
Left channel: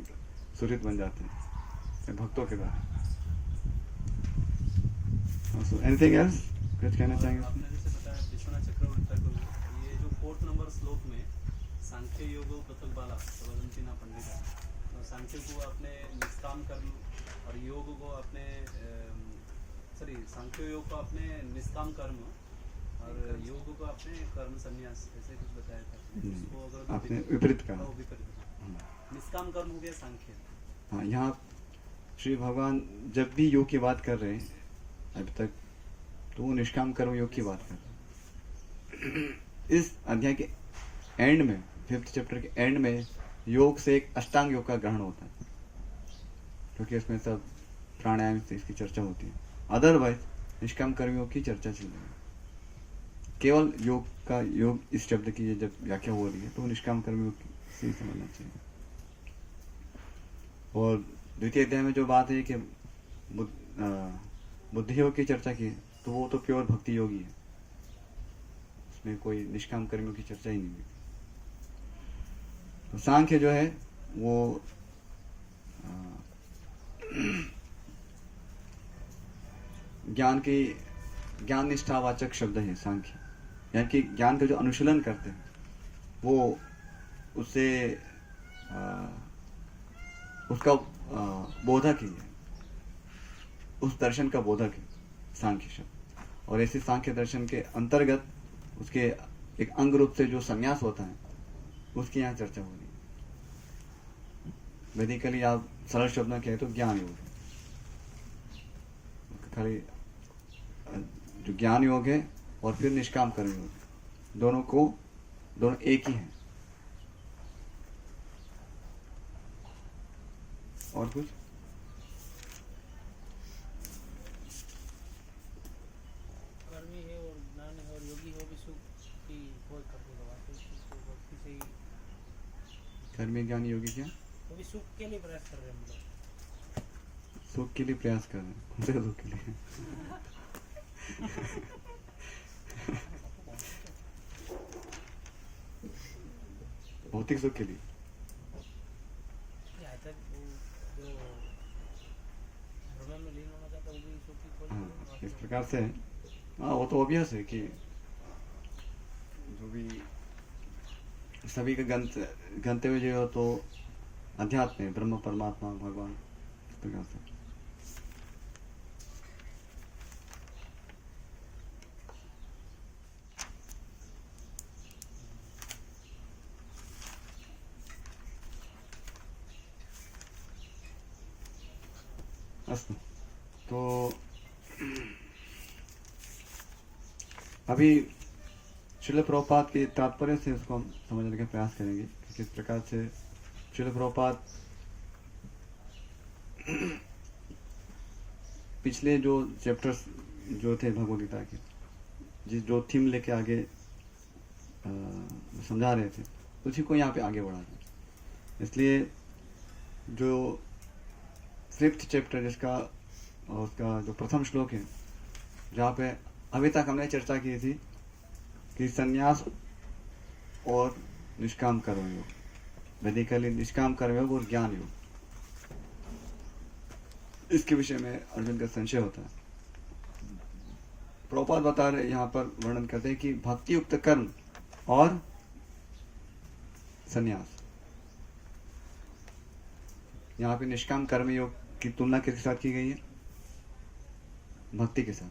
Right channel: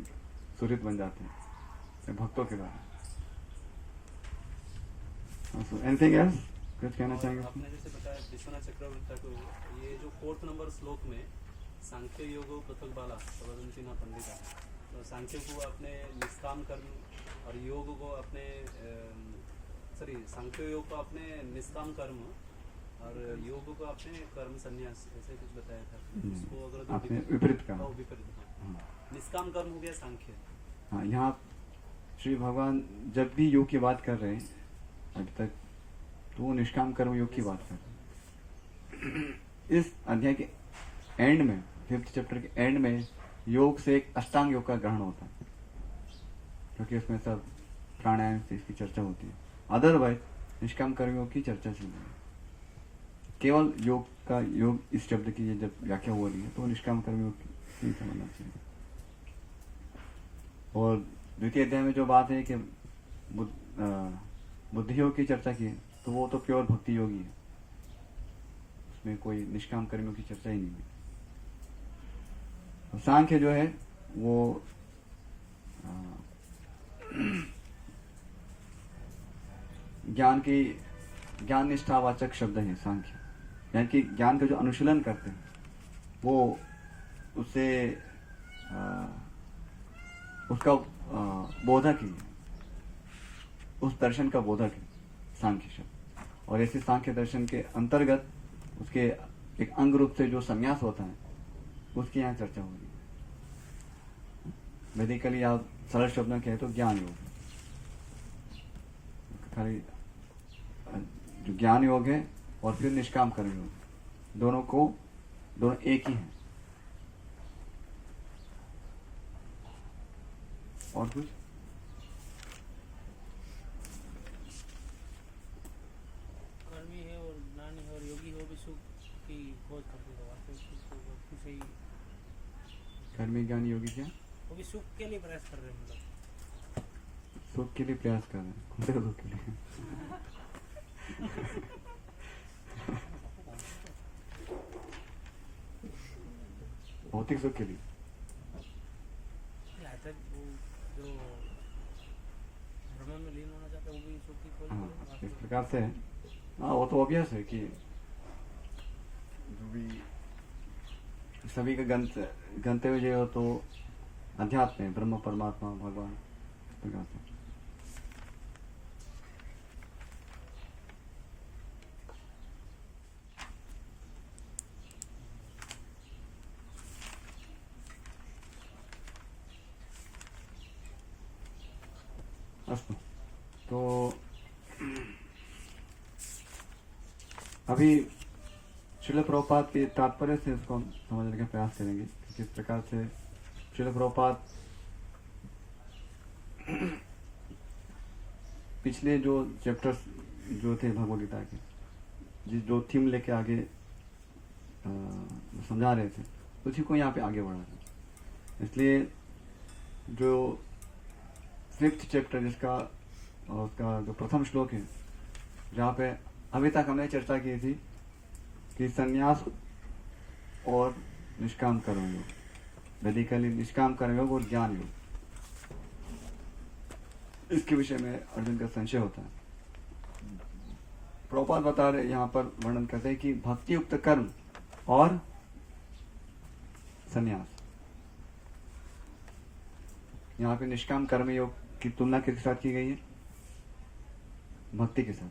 सुहृद बन जाते हैं भक्तों के द्वारा। एनीथिंग एल्स कुछ कहना चाहेंगे? आपने जैसे बताया विश्वनाथ चक्रवर्ती को, ये जो 4th नंबर श्लोक में सांख्य योगो पृथक बाला प्रवदंती ना पंडिता, तो सांख्य को अपने निष्काम कर्म और योग को अपने सांख्य योग को अपने निष्काम कर्म और योग को अपने कर्म संन्यास, ऐसे कुछ बताया था। उसको अगर आपने विपरीत कहा। विपरीत निष्काम कर्म हो गया सांख्य। हाँ, यहाँ श्री भगवान जब भी योग की बात कर रहे हैं अभी तक, तो वो निष्काम कर्म योग की बात कर रहे हैं। इस अध्याय के एंड में, 5th चैप्टर के एंड में, योग से एक अष्टांग योग का ग्रहण होता है, क्योंकि उसमें सब प्राणायाम से इसकी चर्चा होती है। अदरवाइज निष्काम कर्म योग की चर्चा चल रही है। केवल योग का, योग इस शब्द की ये जब व्याख्या हो रही है तो निष्काम कर्म योग से ही समझना चाहिए। और द्वितीय अध्याय में जो बात है कि बुद्धि योग की चर्चा की है, तो वो तो प्योर भक्ति योगी है, उसमें कोई निष्काम कर्मियों की चर्चा ही नहीं हुई। तो सांख्य जो है वो ज्ञान निष्ठावाचक शब्द है सांख्य, यानी कि ज्ञान का जो अनुशीलन करते हैं वो उससे उसका बोधक ही है, उस दर्शन का बोधक है सांख्य शब्द। और ऐसे सांख्य दर्शन के अंतर्गत उसके एक अंग रूप से जो संन्यास होता है उसकी यहाँ चर्चा हो रही है। वैदिकली आप सरल शब्द में कहें तो ज्ञान योग, खाली जो ज्ञान योग है और फिर निष्काम कर्म योग, दोनों एक ही हैं। और कुछ? कर्मी है और ज्ञानी है और योगी है, भी सुख की खोज करते हैं। तो इसको भक्ति से ही कर्मी ज्ञानी योगी क्या? वो भी सुख के लिए प्रयास कर रहे हैं, मतलब सुख के लिए प्रयास कर रहे हैं। कौन से सुख के लिए? भौतिक सुख के लिए। यहाँ तक वो जो भ्रमण में लीन होना चाहता है वो भी सुख की खोज कर रहे हैं। हाँ, इस प्रकार से है। हाँ, वो तो ऑब्वियस है कि जो भी सभी का गंतव्य जो हो तो अध्यात्म है, ब्रह्म परमात्मा भगवान, इस प्रकार से। अस्तु। तो अभी श्रील प्रभुपाद के तात्पर्य से उसको हम समझने का प्रयास करेंगे कि किस प्रकार से श्रील प्रभुपाद पिछले जो चैप्टर्स जो थे भगवद गीता के जो थीम लेके आगे समझा रहे थे उसी को यहाँ पे आगे बढ़ा रहे। इसलिए जो 5th चैप्टर जिसका उसका जो प्रथम श्लोक है, जहाँ पे अभी तक हमने चर्चा की थी कि संन्यास और निष्काम कर्मयोग, वैदिकली निष्काम कर्मयोग और ज्ञान योग, इसके विषय में अर्जुन का संशय होता है। प्रभुपाद बता रहे यहाँ पर वर्णन करते हैं कि भक्ति युक्त कर्म और संन्यास, यहाँ पे निष्काम कर्म योग की तुलना किसके साथ की गई है? भक्ति के साथ।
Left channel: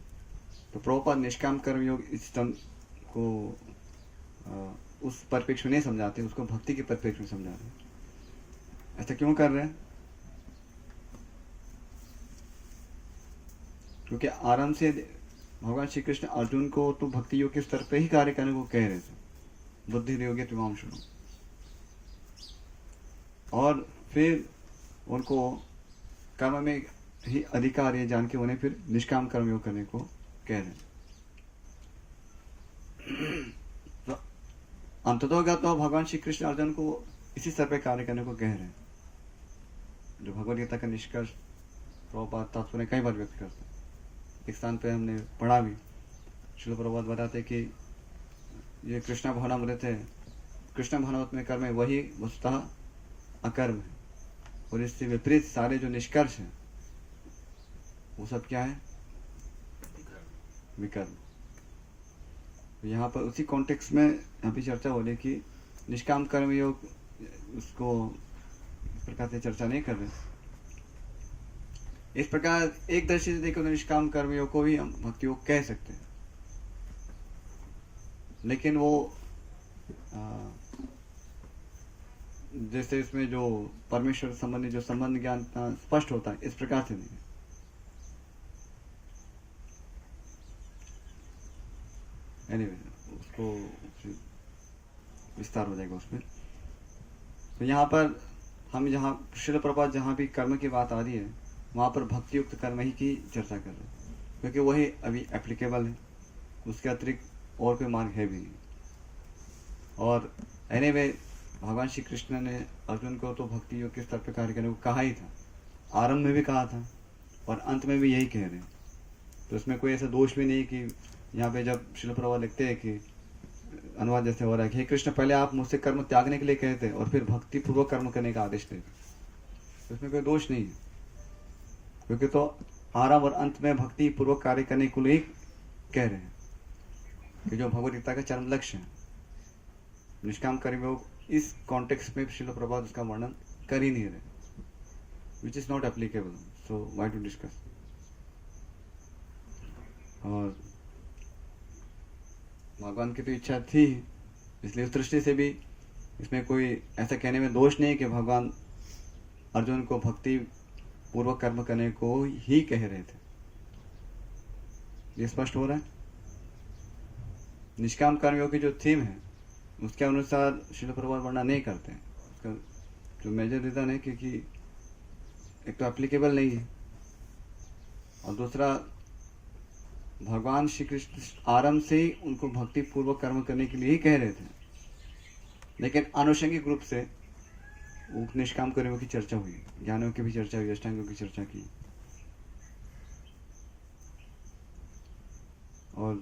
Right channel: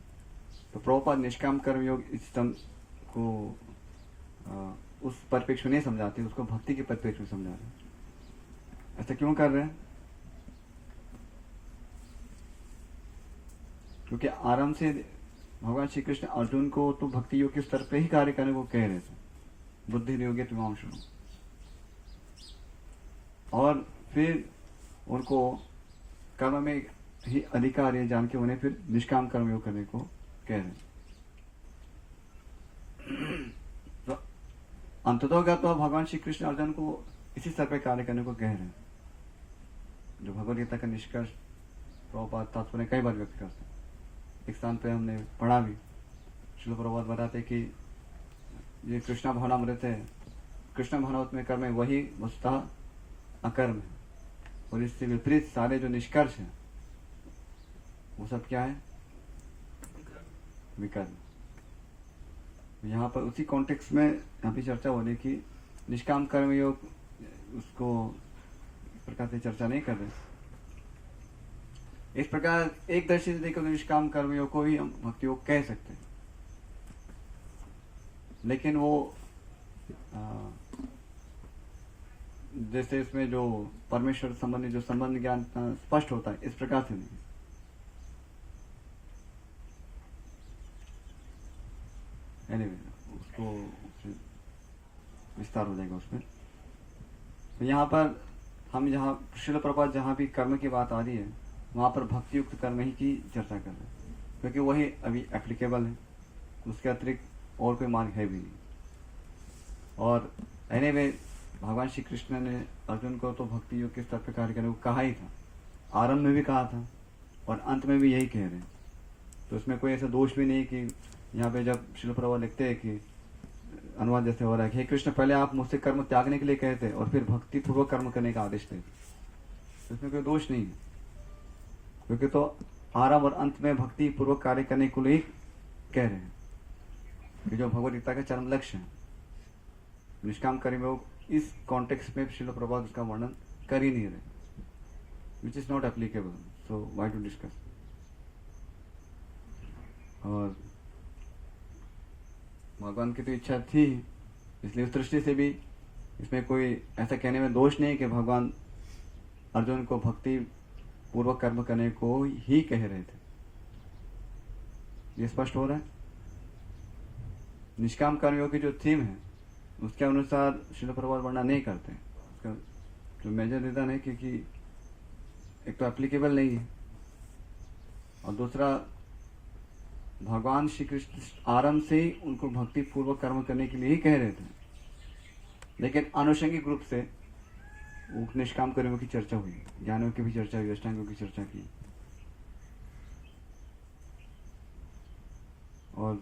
तो प्रभुपाद निष्काम कर्म योग इस सिस्टम को उस परिप्रेक्ष्य में नहीं समझाते, उसको भक्ति के परिप्रेक्ष्य में समझा रहे हैं। ऐसा क्यों कर रहे हैं? क्योंकि आरंभ से भगवान श्री कृष्ण अर्जुन को तो भक्ति योग के स्तर पे ही कार्य करने को कह रहे थे, बुद्धि योगे त्रिवांशु, और फिर उनको कर्म में ही अधिकार है जान के उन्हें फिर निष्काम कर्म योग करने को कह रहे हैं। तो अंततोगत तो भगवान श्री कृष्ण अर्जुन को इसी स्तर पे कार्य करने को कह रहे हैं, जो भगवद गीता का निष्कर्ष प्रभुपाद तात्पर्य कई बार व्यक्त करते हैं। एक स्थान पे हमने पढ़ा भी, श्रील प्रभुपाद बताते कि ये कृष्णा भावनामृत है, कृष्णा भावनामृत में कर्म है वही वस्तुतः अकर्म है, और इससे विपरीत सारे जो निष्कर्ष है वो सब क्या है? विकर्म। यहाँ पर उसी कॉन्टेक्स्ट में यहाँ पे चर्चा हो रही कि निष्काम कर्म योग, उसको इस प्रकार से चर्चा नहीं कर रहे। इस प्रकार एक दृष्टि से देखो तो निष्काम कर्म योग को भी हम भक्ति योग कह सकते हैं, लेकिन वो जैसे इसमें जो परमेश्वर संबंधी जो संबंध ज्ञान स्पष्ट होता है, इस प्रकार से नहीं। एनीवे उसको विस्तार हो जाएगा उसमें। तो यहाँ पर हम जहाँ श्रील प्रभुपाद जहाँ भी कर्म की बात आ रही है वहाँ पर भक्ति युक्त कर्म ही की चर्चा कर रहे हैं, क्योंकि वही अभी एप्लीकेबल है, उसके अतिरिक्त और कोई मार्ग है भी नहीं। और एनीवे भगवान श्री कृष्ण ने अर्जुन को तो भक्ति योग के स्तर पर कार्य करने को कहा ही था, आरंभ में भी कहा था और अंत में भी यही कह रहे हैं। तो इसमें कोई ऐसा दोष भी नहीं कि यहाँ पे जब श्रील प्रभुपाद लिखते हैं कि अनुवाद जैसे हो रहा है कि हे कृष्ण पहले आप मुझसे कर्म त्यागने के लिए कहते और फिर भक्ति पूर्वक कर्म करने का आदेश देते, तो इसमें कोई दोष नहीं है, क्योंकि तो आरंभ और अंत में भक्ति पूर्वक कार्य करने को लिए कह रहे हैं कि जो भगवद गीता का चरम लक्ष्य है। निष्काम कर्म योग इस कॉन्टेक्स्ट में श्रील प्रभुपाद उसका वर्णन कर ही नहीं रहे, which is not applicable, so why to discuss. और भगवान की तो इच्छा थी, इसलिए उस दृष्टि से भी इसमें कोई ऐसा कहने में दोष नहीं कि भगवान अर्जुन को भक्ति पूर्वक कर्म करने को ही कह रहे थे। ये स्पष्ट हो रहा है। निष्काम कर्मयोग की जो थीम है उसके अनुसार श्रील प्रभुपाद वर्णन नहीं करते हैं। उसका जो मेजर रीजन है क्योंकि एक तो एप्लीकेबल नहीं है, और दूसरा भगवान श्री कृष्ण आरंभ से ही उनको भक्ति पूर्वक कर्म करने के लिए ही कह रहे थे, लेकिन आनुषंगिक रूप से निष्काम कर्मों की चर्चा हुई, ज्ञानों की भी चर्चा हुई, अष्टांगों की चर्चा की। और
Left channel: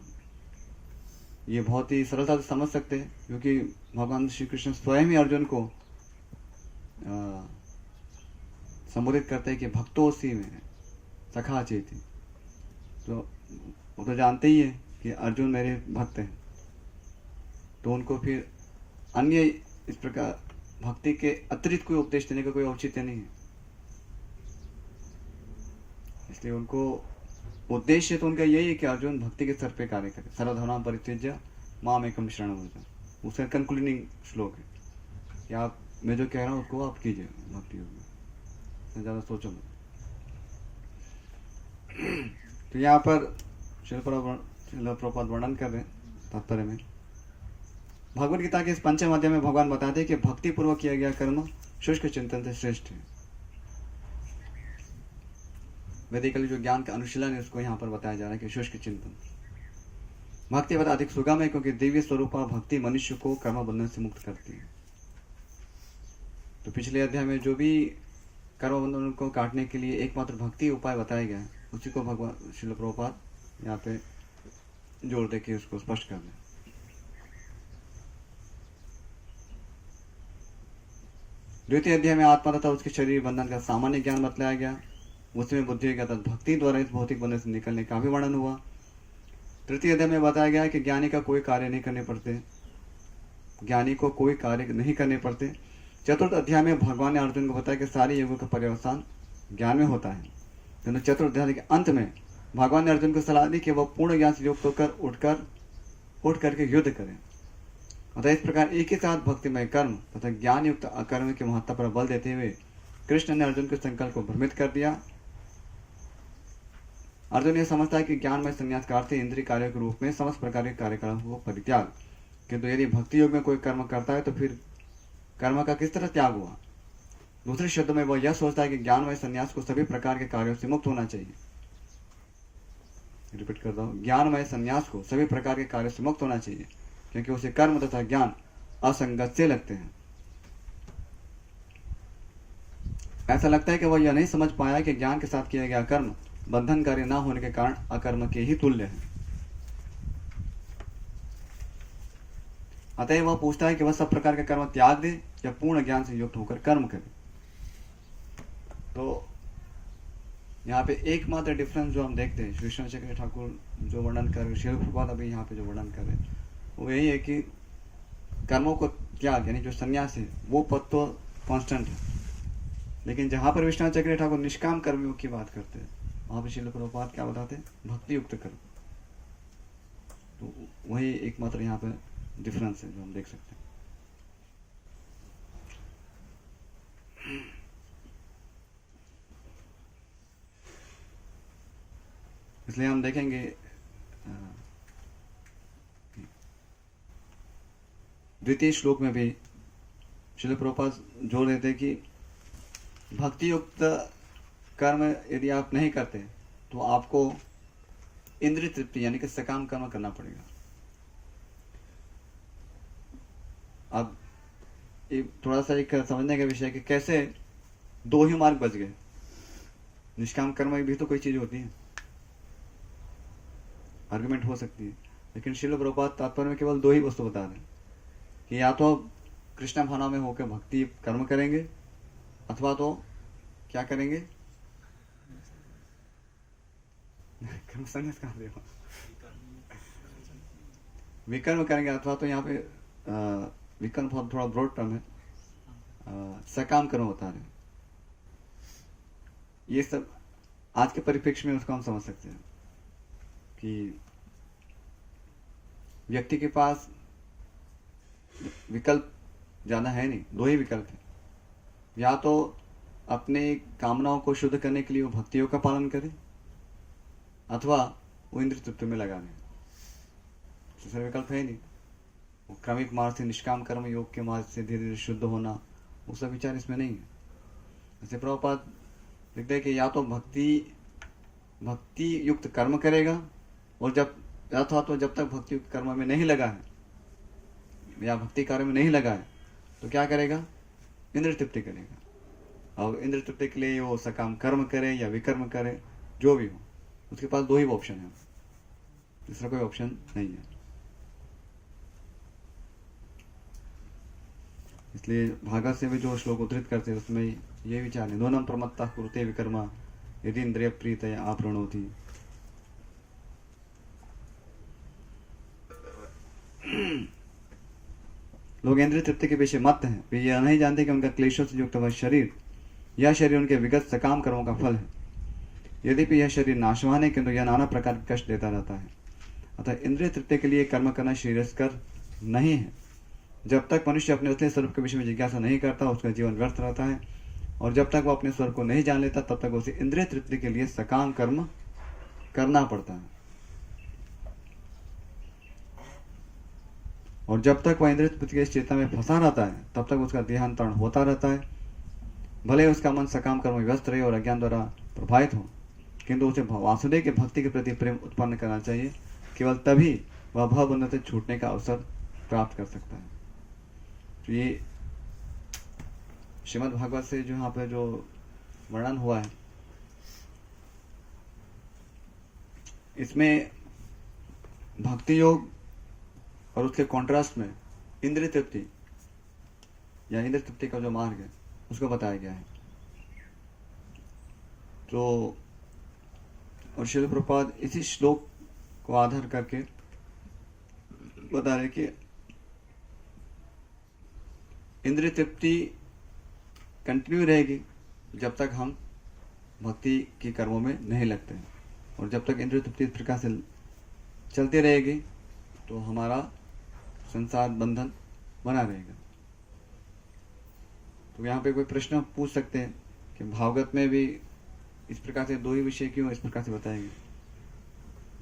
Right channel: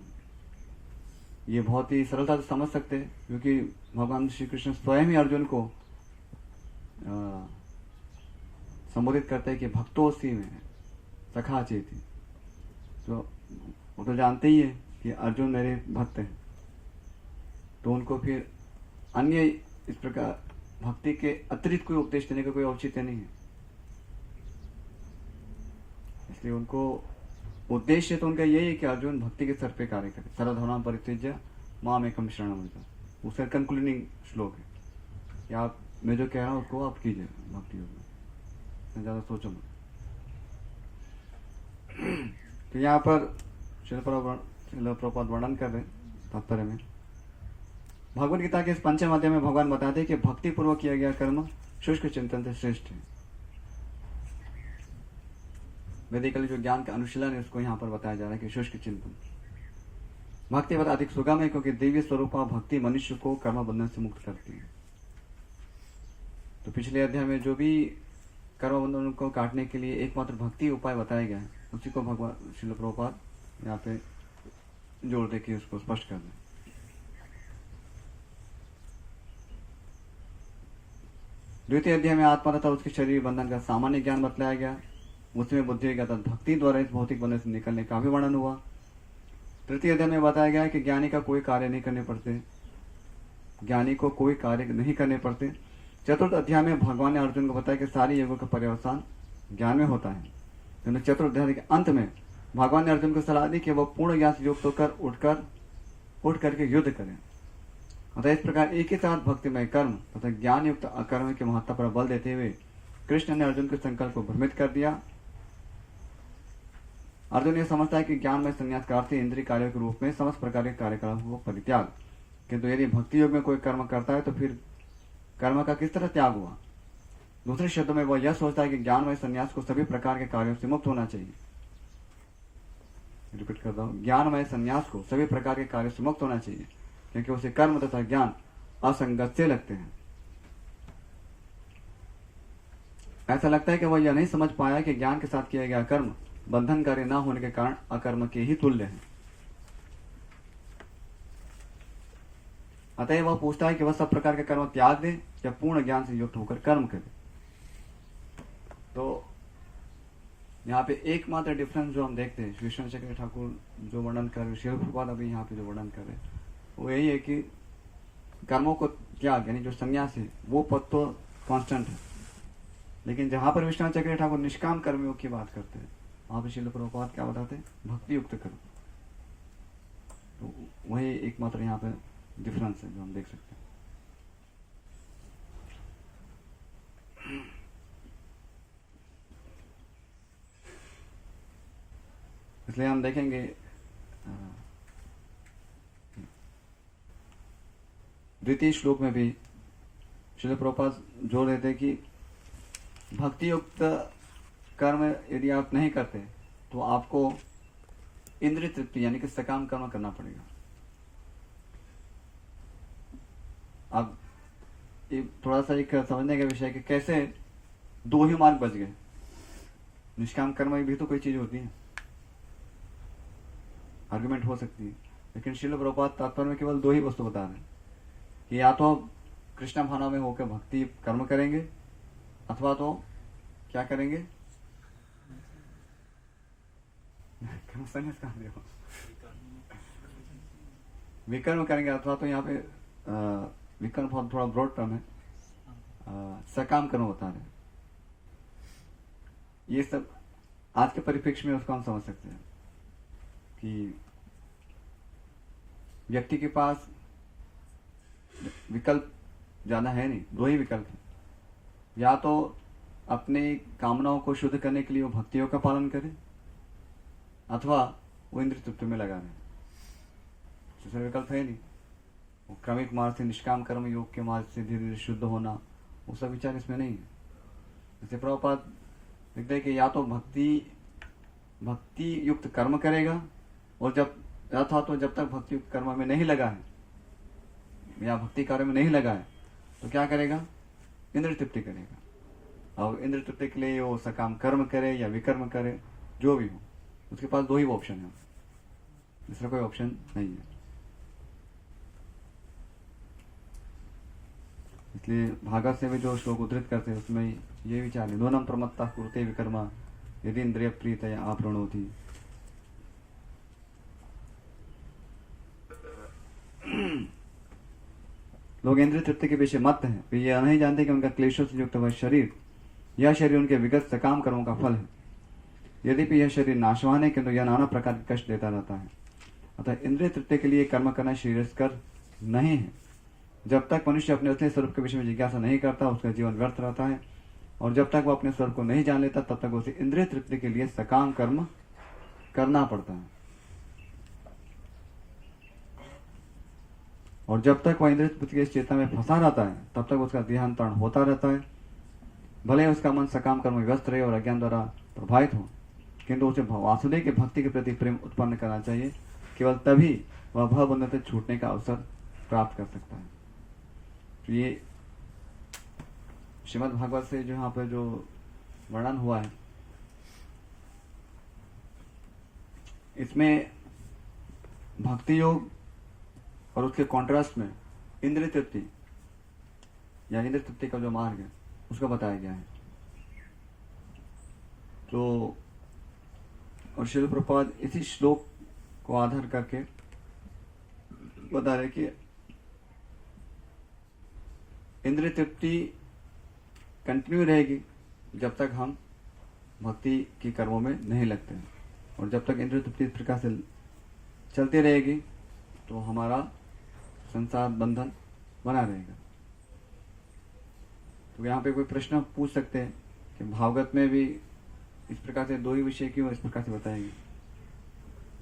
ये बहुत ही सरलता से समझ सकते हैं, क्योंकि भगवान श्री कृष्ण स्वयं ही अर्जुन को संबोधित करते हैं कि भक्तोसी में सखा चेती। तो वो तो जानते ही है कि अर्जुन मेरे भक्त हैं, तो उनको फिर अन्य इस प्रकार भक्ति के अतिरिक्त कोई उपदेश देने का कोई औचित्य नहीं है। इसलिए उनको उद्देश्य तो उनका यही है कि अर्जुन भक्ति के स्तर पे कार्य करे। सर्वधर्मान् परित्यज्य माम एकम शरणं व्रज, उसका कंक्लूडिंग श्लोक है कि आप मैं जो कह रहा हूँ उसको आप कीजिए भक्ति योग में, ज़्यादा सोचो मत। तो यहाँ पर शिल प्रभुपाद वर्णन कर रहे हैं तात्पर्य में, भगवद गीता के इस पंचम अध्याय में भगवान बताते हैं कि भक्ति पूर्वक किया गया कर्म शुष्क चिंतन से श्रेष्ठ है। वैदिकली जो ज्ञान का अनुशीलन है उसको यहाँ पर बताया जा रहा है कि शुष्क चिंतन भक्ति बहुत अधिक सुगम है, क्योंकि दिव्य स्वरूपा भक्ति मनुष्य को कर्म बंधन से मुक्त करती है। तो पिछले अध्याय में जो भी कर्म बंधन को काटने के लिए एकमात्र भक्ति उपाय बताया गया है, उसी को भगवान श्रील प्रभुपाद यहाँ पे जोड़ दे के उसको स्पष्ट कर दें। द्वितीय अध्याय में आत्मा तथा उसके शरीर बंधन का सामान्य ज्ञान बतलाया गया, उसमें बुद्धि का भक्ति द्वारा इस भौतिक बंधन से निकलने का भी वर्णन हुआ। तृतीय अध्याय में बताया गया कि ज्ञानी का कोई कार्य नहीं करने पड़ते, ज्ञानी को कोई कार्य नहीं करने पड़ते। चतुर्थ अध्याय में भगवान ने अर्जुन को बताया कि सारे युगों का पर्यवसान ज्ञान में होता है। किंतु चतुर्थ अध्याय के अंत में भगवान ने अर्जुन को सलाह दी कि वह पूर्ण ज्ञान से युक्त होकर उठ करके युद्ध करें। अतः इस प्रकार एक ही साथ भक्तिमय कर्म तथा ज्ञान युक्त अकर्म की महत्ता पर बल देते हुए कृष्ण ने अर्जुन के संकल्प को भ्रमित कर दिया। अर्जुन यह समझता है कि ज्ञान में संन्यास का अर्थ इंद्रिय कार्यों के रूप में समस्त प्रकार के कार्यकलापों को परित्याग, किंतु यदि भक्ति योग में कोई कर्म करता है तो फिर कर्म का किस तरह त्याग हुआ। दूसरे शब्दों में वह यह सोचता है कि ज्ञान में संन्यास को सभी प्रकार के कार्यों से मुक्त होना चाहिए। रिपीट करता हूँ, ज्ञानमय संन्यास को सभी प्रकार के कार्यों से मुक्त होना चाहिए, क्योंकि उसे कर्म तथा ज्ञान असंगत से लगते हैं। ऐसा लगता है कि वह यह नहीं समझ पाया कि ज्ञान के साथ किया गया कर्म बंधनकारी न होने के कारण अकर्म के ही तुल्य है। अतः वह पूछता है कि वह सब प्रकार के कर्म त्याग दे या पूर्ण ज्ञान से युक्त होकर कर्म करे। तो यहाँ पे एकमात्र डिफरेंस जो हम देखते हैं, श्री चक्र ठाकुर जो वर्णन कर रहे, श्रील प्रभुपाद अभी यहाँ पे जो वर्णन कर रहे हैं, वो यही है कि कर्मों को त्याग यानी जो संन्यास है वो पद तो कांस्टेंट है, लेकिन जहां पर विश्वनाथ चक्र ठाकुर निष्काम कर्मियों की बात करते हैं वहां पर श्रील प्रभुपाद क्या बताते हैं, भक्ति युक्त कर्म। तो वही एकमात्र यहाँ पे डिफरेंस है जो हम देख सकते हैं। इसलिए हम देखेंगे द्वितीय श्लोक में भी श्रील प्रभुपाद जोर देते हैं कि भक्ति युक्त कर्म यदि आप नहीं करते तो आपको इंद्रिय तृप्ति यानी कि सकाम कर्म करना पड़ेगा। अब ये थोड़ा सा एक समझने का विषय है कि कैसे दो ही मार्ग बच गए। निष्काम कर्म भी तो कोई चीज होती है, आर्गुमेंट हो सकती है, लेकिन श्रील प्रभुपाद तात्पर्य में केवल दो ही वस्तु बता रहे हैं कि या तो कृष्ण भावना में होकर भक्ति कर्म करेंगे अथवा तो क्या करेंगे, संन्यास कहाँ दे विकर्म करेंगे, अथवा तो यहाँ पे विकर्म बहुत थोड़ा ब्रॉड टर्म है, सकाम कर्म बता रहे। ये सब आज के परिप्रेक्ष्य में उसको हम समझ सकते हैं कि व्यक्ति के पास विकल्प ज्यादा है नहीं, दो ही विकल्प है। या तो अपने कामनाओं को शुद्ध करने के लिए वो भक्तियों का पालन करे अथवा वो इंद्रिय तृप्ति में लगा दे। दूसरा विकल्प है नहीं। वो क्रमिक मार्ग से निष्काम कर्म योग के मार्ग से धीरे धीरे शुद्ध होना, वो सब विचार इसमें नहीं है। जैसे प्रभुपाद लिखते हैं कि या तो भक्ति युक्त कर्म करेगा और जब तक भक्ति युक्त कर्म में नहीं लगा है या भक्ति कार्य में नहीं लगा है तो क्या करेगा, इंद्रिय तृप्ति करेगा। और इंद्रिय तृप्ति के लिए वो सकाम कर्म करे या विकर्म करे, जो भी हो, उसके पास दो ही ऑप्शन है, दूसरा कोई ऑप्शन नहीं है। इसलिए भागवत से भी जो श्लोक उद्धृत करते हैं उसमें ये विचार है, नूनम प्रमत्ता कुरुते विकर्मा यदि इंद्रिय प्रीतया आपरणोति। लोग इंद्रिय तृप्ति के पीछे मत हैं, वे यह नहीं जानते कि उनका क्लेशों से युक्त वह शरीर, यह शरीर उनके विगत सकाम कर्मों का फल है। यद्यपि यह शरीर नाशवान है किंतु यह नाना प्रकार के कष्ट देता रहता है। अतः इंद्रिय तृप्ति के लिए कर्म करना श्रेयस्कर नहीं है। जब तक मनुष्य अपने असली स्वरूप के विषय में जिज्ञासा नहीं करता उसका जीवन व्यर्थ रहता है, और जब तक वह अपने स्वरूप को नहीं जान लेता तब तक उसे इंद्रिय तृप्ति के लिए सकाम कर्म करना पड़ता है। और जब तक वह इंद्रिय तृप्ति की चेतना में फंसा रहता है तब तक उसका देहांतरण होता रहता है। भले ही उसका मन सकाम कर्म में व्यस्त रहे और अज्ञान द्वारा प्रभावित हो, किंतु उसे वासुदेव के भक्ति के प्रति प्रेम उत्पन्न करना चाहिए। केवल तभी वह भवबंधन से छूटने का अवसर प्राप्त कर सकता है। तो ये श्रीमद् भागवत से जो यहाँ पर जो वर्णन हुआ है, इसमें भक्ति योग और उसके कॉन्ट्रास्ट में इंद्रिय तृप्ति या इंद्रिय तृप्ति का जो मार्ग है उसको बताया गया है। तो और श्रील प्रभुपाद इसी श्लोक को आधार करके बता रहे कि इंद्रिय तृप्ति कंटिन्यू रहेगी जब तक हम भक्ति की कर्मों में नहीं लगते हैं, और जब तक इंद्रिय तृप्ति इस प्रकार से चलती रहेगी तो हमारा संसार बंधन बना रहेगा। तो यहाँ पे कोई प्रश्न पूछ सकते हैं कि भागवत में भी इस प्रकार से दो ही विषय क्यों इस प्रकार से बताएंगे?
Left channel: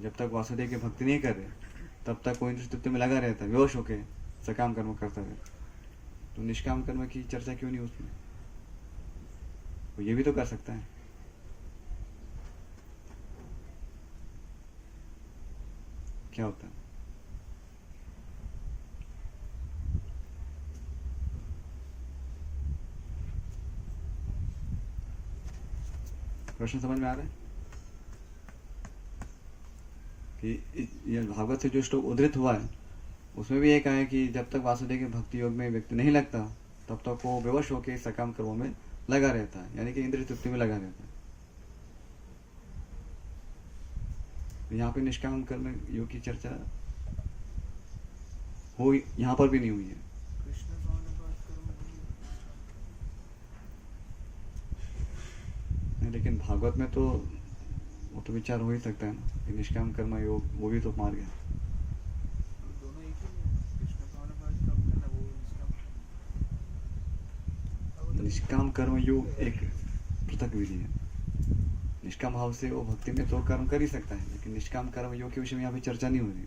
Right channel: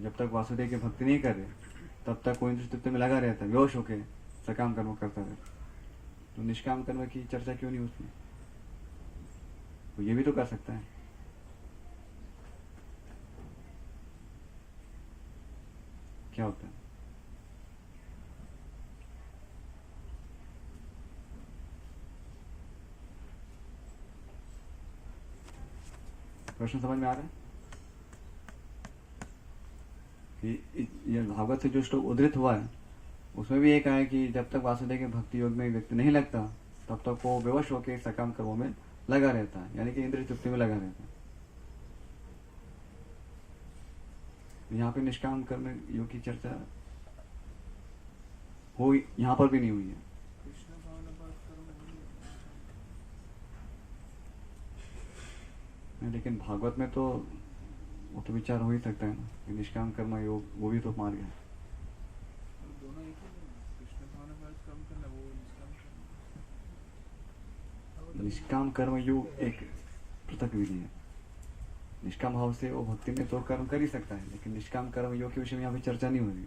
जब तक वासुदेव की भक्ति नहीं कर रहे तब तक कोई इंद्रिय तृप्ति में लगा रहता है, बेहोश होके सकाम कर्म करता है, तो निष्काम कर्म की चर्चा क्यों नहीं उसमें? वो ये भी तो कर सकता है। क्या होता है? प्रश्न समझ में आ रहा है कि ये भागवत से जो श्लोक उद्धृत हुआ है उसमें भी ये कहा है कि जब तक वासुदेव के भक्ति योग में व्यक्ति नहीं लगता तब तक वो बेवश होकर सकाम कर्मों में लगा रहता है, यानी कि इंद्रिय तृप्ति में लगा रहता है। यहाँ पे निष्काम कर्म योग की चर्चा हो यहाँ पर भी नहीं हुई है। लेकिन भागवत में तो वो तो विचार हो ही सकता है ना कि निष्काम कर्म योग वो भी तो मार्ग है। निष्काम कर्म योग एक पृथक विधि है। निष्काम भाव से वो भक्ति में तो कर्म कर ही सकता है, लेकिन निष्काम कर्म योग के विषय में यहाँ पे चर्चा नहीं हो रही।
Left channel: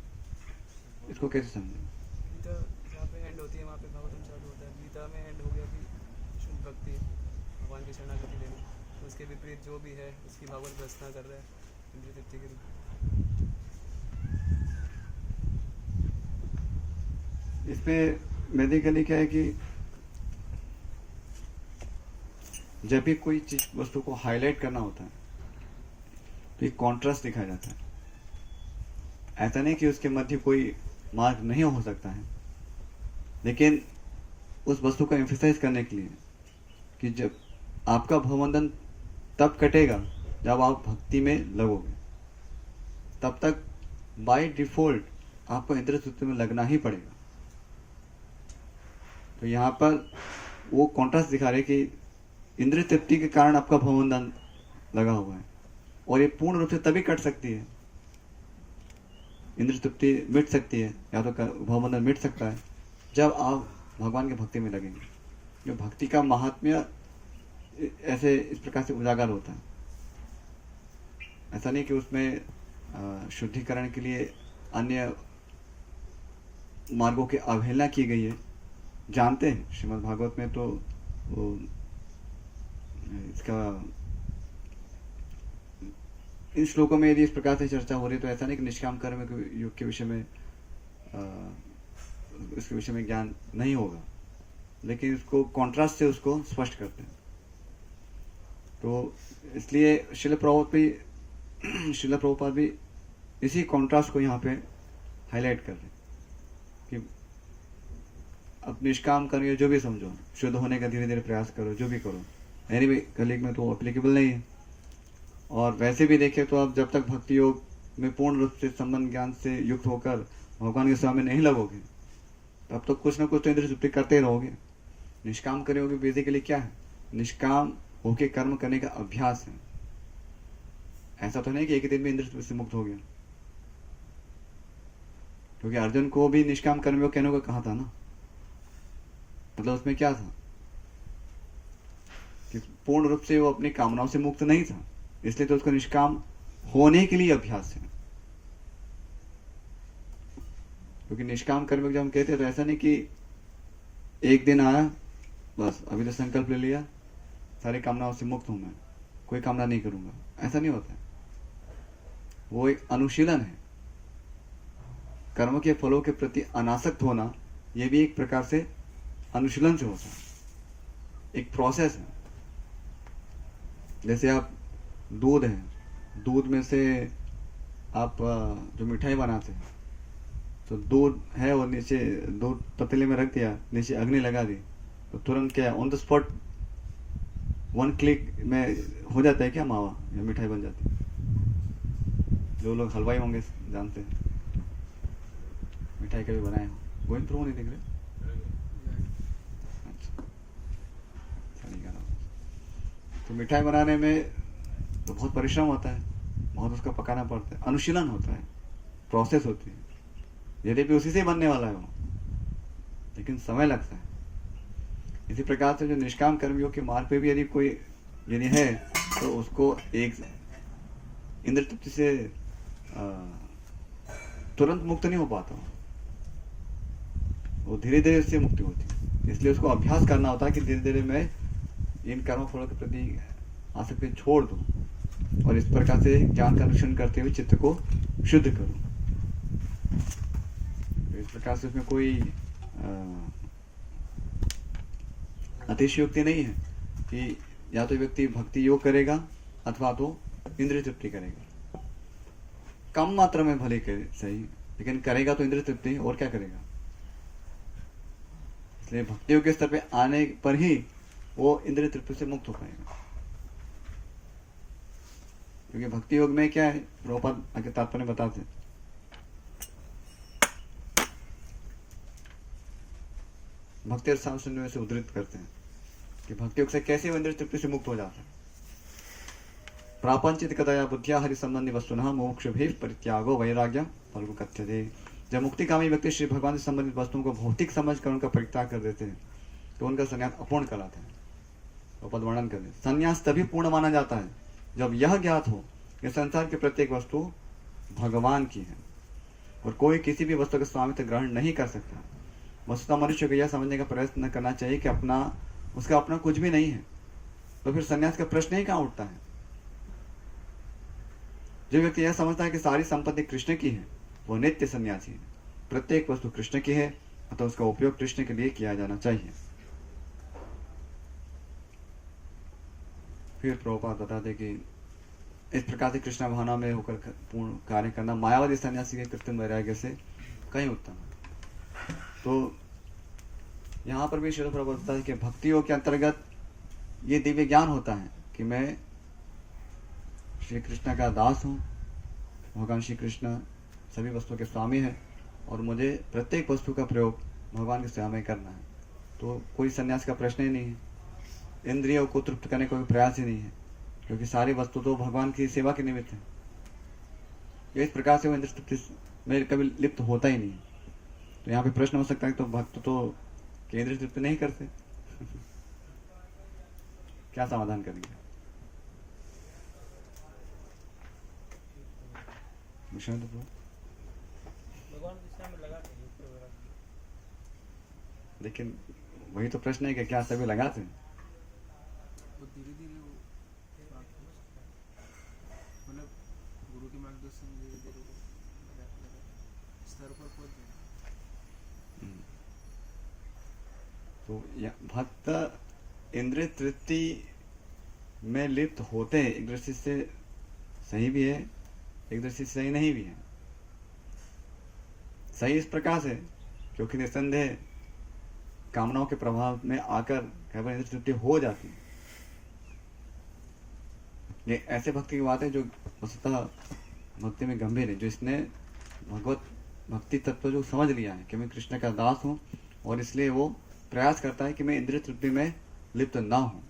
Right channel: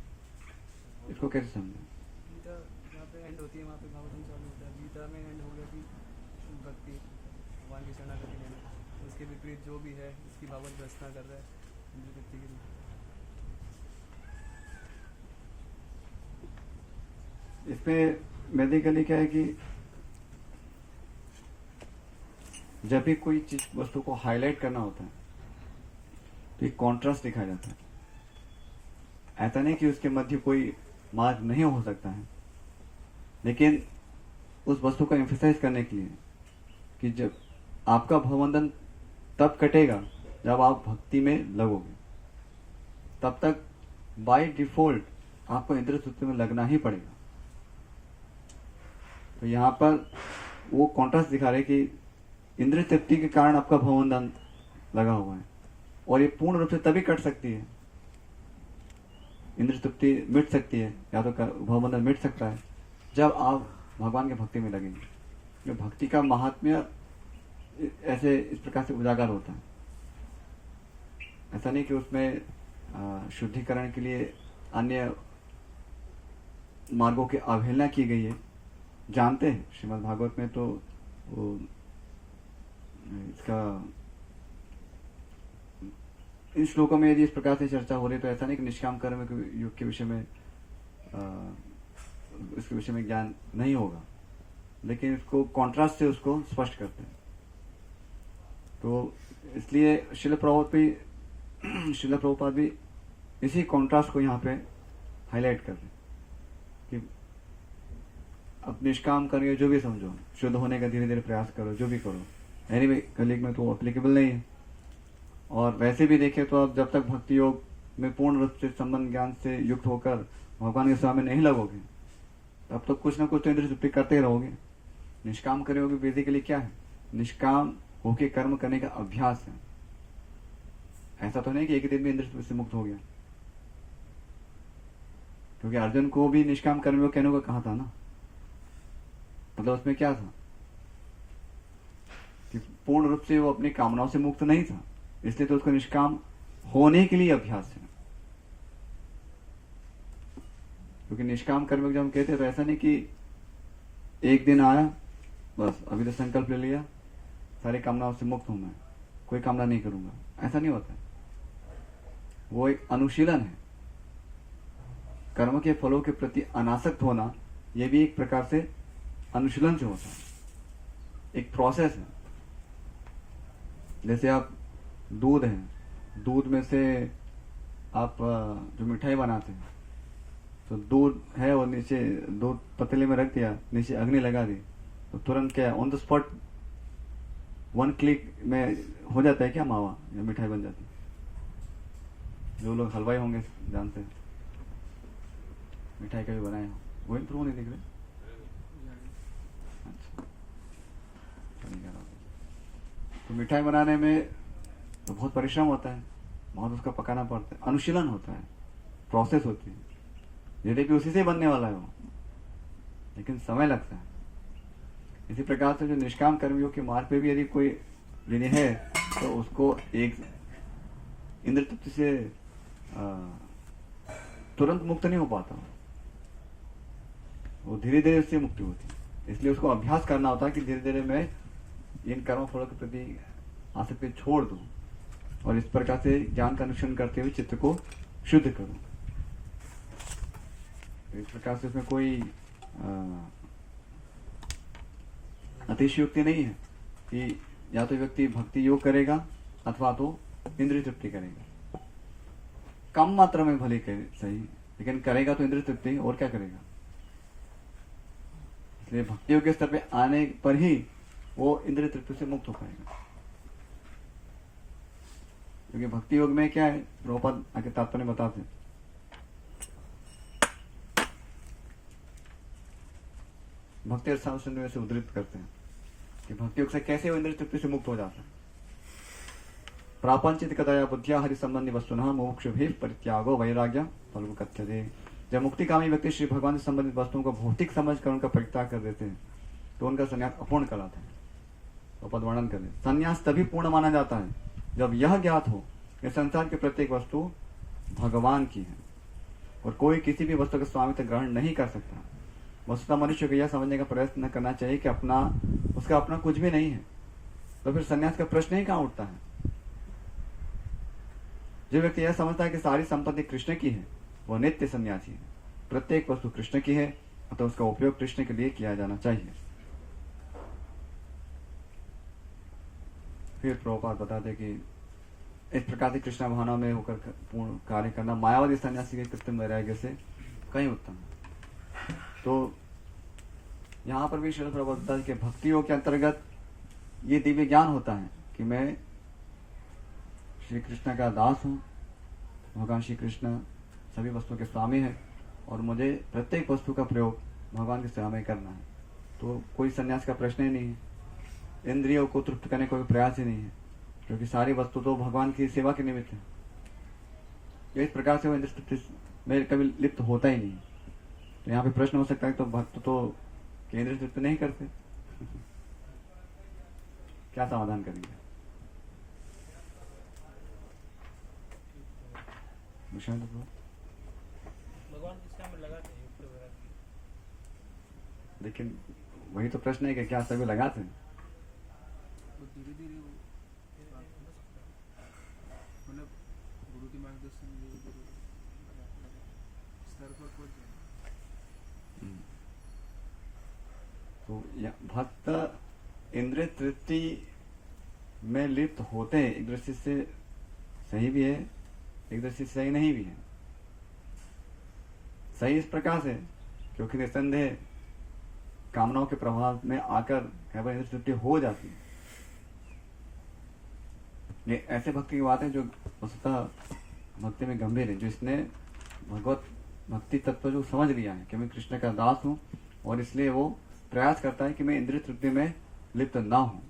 इसको कैसे समझें? गीता जहाँ पे एंड होती है वहाँ पे भागवतम चालू होता है। गीता में एंड हो गया कि शुद्ध भक्ति, भगवान की शरणागति लेना। इसके विपरीत जो भी है उसकी भागवत भ्रष्टता कर रहा है इंद्रिय तृप्ति के रूप। इसमें बेसिकली क्या है कि जब भी कोई चीज वस्तु को हाईलाइट करना होता है तो एक कॉन्ट्रास्ट दिखाया जाता है। ऐसा नहीं कि उसके मध्य कोई मार्ग नहीं हो सकता है, लेकिन उस वस्तु को एम्फेसाइज करने के लिए कि जब आपका भवबंधन तब कटेगा जब आप भक्ति में लगोगे, तब तक बाय डिफॉल्ट आपको इंद्रिय तृप्ति में लगना ही पड़ेगा। तो यहाँ पर वो कॉन्ट्रास्ट दिखा रहे कि इंद्रिय तृप्ति के कारण आपका भवबंधन लगा हुआ है और ये पूर्ण रूप से तभी कट सकती है, इंद्रिय तृप्ति मिट सकती है या तो भवबंधन मिट सकता है जब आप भगवान की भक्ति में लगेंगे। जो भक्ति का महात्म्य ऐसे इस प्रकार से उजागर होता है। ऐसा नहीं कि उसमें शुद्धिकरण के लिए अन्य मार्गों की अवहेलना की गई है। जानते हैं श्रीमद् भागवत में तो वो इसका इन श्लोकों में यदि इस प्रकार से चर्चा हो रही तो ऐसा नहीं कि निष्काम कर्म योग के विषय में इसके विषय में ज्ञान नहीं होगा, लेकिन इसको कॉन्ट्रास्ट से उसको स्पष्ट करते हैं। तो इसलिए श्रील प्रभुपाद भी इसी कॉन्ट्रास्ट को यहाँ पे हाईलाइट कर रहे हैं कि अब निष्काम करिए, जो भी समझो, शुद्ध होने का धीरे धीरे प्रयास करो, जो भी करो। एनीवे कलियुग में तो एप्लीकेबल नहीं है। और वैसे भी देखें तो आप जब तक भक्ति योग में पूर्ण रूप से संबंध ज्ञान से युक्त होकर भगवान के सेवा में नहीं लगोगे तब तो कुछ ना कुछ तो इंद्रिय तृप्ति करते ही रहोगे। निष्काम करोगे बेसिकली क्या है? निष्काम होके कर्म करने का अभ्यास है। ऐसा तो नहीं कि एक ही दिन में इंद्रिय तृप्ति से मुक्त हो गया, क्योंकि अर्जुन को भी निष्काम कर्म योग कहने को कहा था ना। मतलब उसमें क्या था कि पूर्ण रूप से वो अपनी कामनाओं से मुक्त नहीं था, इसलिए तो उसको निष्काम होने के लिए अभ्यास है। क्योंकि निष्काम कर्म जब हम कहते हैं तो ऐसा नहीं कि एक दिन आया बस अभी तो संकल्प ले लिया सारी कामनाओं से मुक्त हूं मैं, कोई कामना नहीं करूंगा, ऐसा नहीं होता है। वो एक अनुशीलन है। कर्म के फलों के प्रति अनासक्त होना यह भी एक प्रकार से अनुशीलन से होता है, एक प्रोसेस है। जैसे आप दूध है, दूध में से आप जो मिठाई बनाते हैं तो दूध है और नीचे दूध पतीले में रख दिया, नीचे अग्नि लगा दी तो तुरंत क्या ऑन द स्पॉट 1 क्लिक में हो जाता है क्या मावा या मिठाई बन जाती है। जो लोग हलवाई होंगे जानते हैं, मिठाई कभी बनाए हो, गोइंग थ्रू नहीं दिख रहे। अच्छा, सही कह रहा हूं। तो मिठाई बनाने में तो बहुत परिश्रम होता है, बहुत उसका पकाना पड़ता है, अनुशीलन होता है, प्रोसेस होती है। यद्यपि उसी से बनने वाला है वो, लेकिन समय लगता है। इसी प्रकार से जो निष्काम कर्मियों के मार्ग पे भी यदि कोई यदि है तो उसको एक इंद्र तृप्ति से तुरंत मुक्त नहीं हो पाता, वो धीरे धीरे उससे मुक्ति होती है। इसलिए उसको अभ्यास करना होता है कि धीरे धीरे मैं इन कर्म फलों के प्रति आसक्ति छोड़ दूं और इस प्रकार से ज्ञान का अनुसरण करते हुए चित्त को शुद्ध करूं। इस प्रकार से उसमें कोई अतिशयोक्ति नहीं है कि या तो व्यक्ति भक्ति योग करेगा अथवा तो इंद्रिय तृप्ति करेगा। कम मात्रा में भले करे सही, लेकिन करेगा तो इंद्रिय तृप्ति, और क्या करेगा। इसलिए भक्ति योग के स्तर पे आने पर ही वो इंद्रिय तृप्ति से मुक्त हो पाएगा। क्योंकि भक्ति योग में क्या है, प्रभुपाद आगे तात्पर्य बताते हैं, भक्ति सामने से उद्धृत करते हैं कि भक्ति योग से कैसे वो इंद्रिय तृप्ति से मुक्त हो जाते हैं। प्रापंचित कदया बुद्धिया हरि संबंधी वस्तुनः मोक्ष भी परित्यागो वैराग्य फल कथ्यते। जब मुक्तिकामी व्यक्ति श्री भगवान से संबंधित वस्तुओं को भौतिक समझकर उनका परित्याग कर देते हैं तो उनका संन्यास अपूर्ण कहलाता है। तो पद वर्णन करें, संन्यास तभी पूर्ण माना जाता है जब यह ज्ञात हो कि संसार की प्रत्येक वस्तु भगवान की है और कोई किसी भी वस्तु का स्वामित्व ग्रहण नहीं कर सकता। वस्तुतः मनुष्य को यह समझने का प्रयत्न करना चाहिए कि उसका अपना कुछ भी नहीं है, तो फिर संन्यास का प्रश्न ही कहां उठता है। जो व्यक्ति यह समझता है कि सारी संपत्ति कृष्ण की है वह नित्य सन्यासी है। प्रत्येक वस्तु कृष्ण की है अतः उसका उपयोग कृष्ण के लिए किया जाना चाहिए। फिर प्रभुपाद बताते कि इस प्रकार से कृष्ण भावना में होकर पूर्ण कार्य करना मायावादी सन्यासी के कृत्रिम वैराग्य से कहीं उत्तम है। तो यहाँ पर भी श्रील प्रभुपाद बताते कि भक्ति योग के अंतर्गत ये दिव्य ज्ञान होता है कि मैं श्री कृष्ण का दास हूँ, भगवान श्री कृष्ण सभी वस्तुओं के स्वामी है और मुझे प्रत्येक वस्तु का प्रयोग भगवान की सेवा में करना है। तो कोई संन्यास का प्रश्न ही नहीं है, इंद्रियों को तृप्त करने का कोई प्रयास ही नहीं है, क्योंकि सारी वस्तु तो भगवान की सेवा के निमित्त है। इस प्रकार से वो इंद्रिय तृप्ति में कभी लिप्त होता ही नहीं। तो यहाँ पे प्रश्न हो सकता है तो भक्त तो इंद्रिय तृप्ति नहीं करते क्या समाधान करेंगे। भगवान की सेवा में लगा के युक्त वगैरह। लेकिन वही तो प्रश्न है कि क्या सभी लगाते हैं। वो धीरे धीरे वो मतलब गुरु के मार्गदर्शन धीरे धीरे स्तर पर पहुंच गए। तो भक्त इंद्रिय तृप्ति में लिप्त होते हैं, एक दृष्टि से सही भी है, एक दृष्टि से सही नहीं भी है। सही इस प्रकार से क्योंकि निसंदेह कामनाओं के प्रभाव में आकर केवल इंद्रिय तृप्ति हो जाती है। ये ऐसे भक्ति की बात है जो वस्तुतः भक्ति में गंभीर है, जो इसने भगवत भक्ति तत्व जो समझ लिया है कि मैं कृष्ण का दास हूं और इसलिए वो प्रयास करता है कि मैं इंद्रिय तृप्ति में लिप्त ना हूं।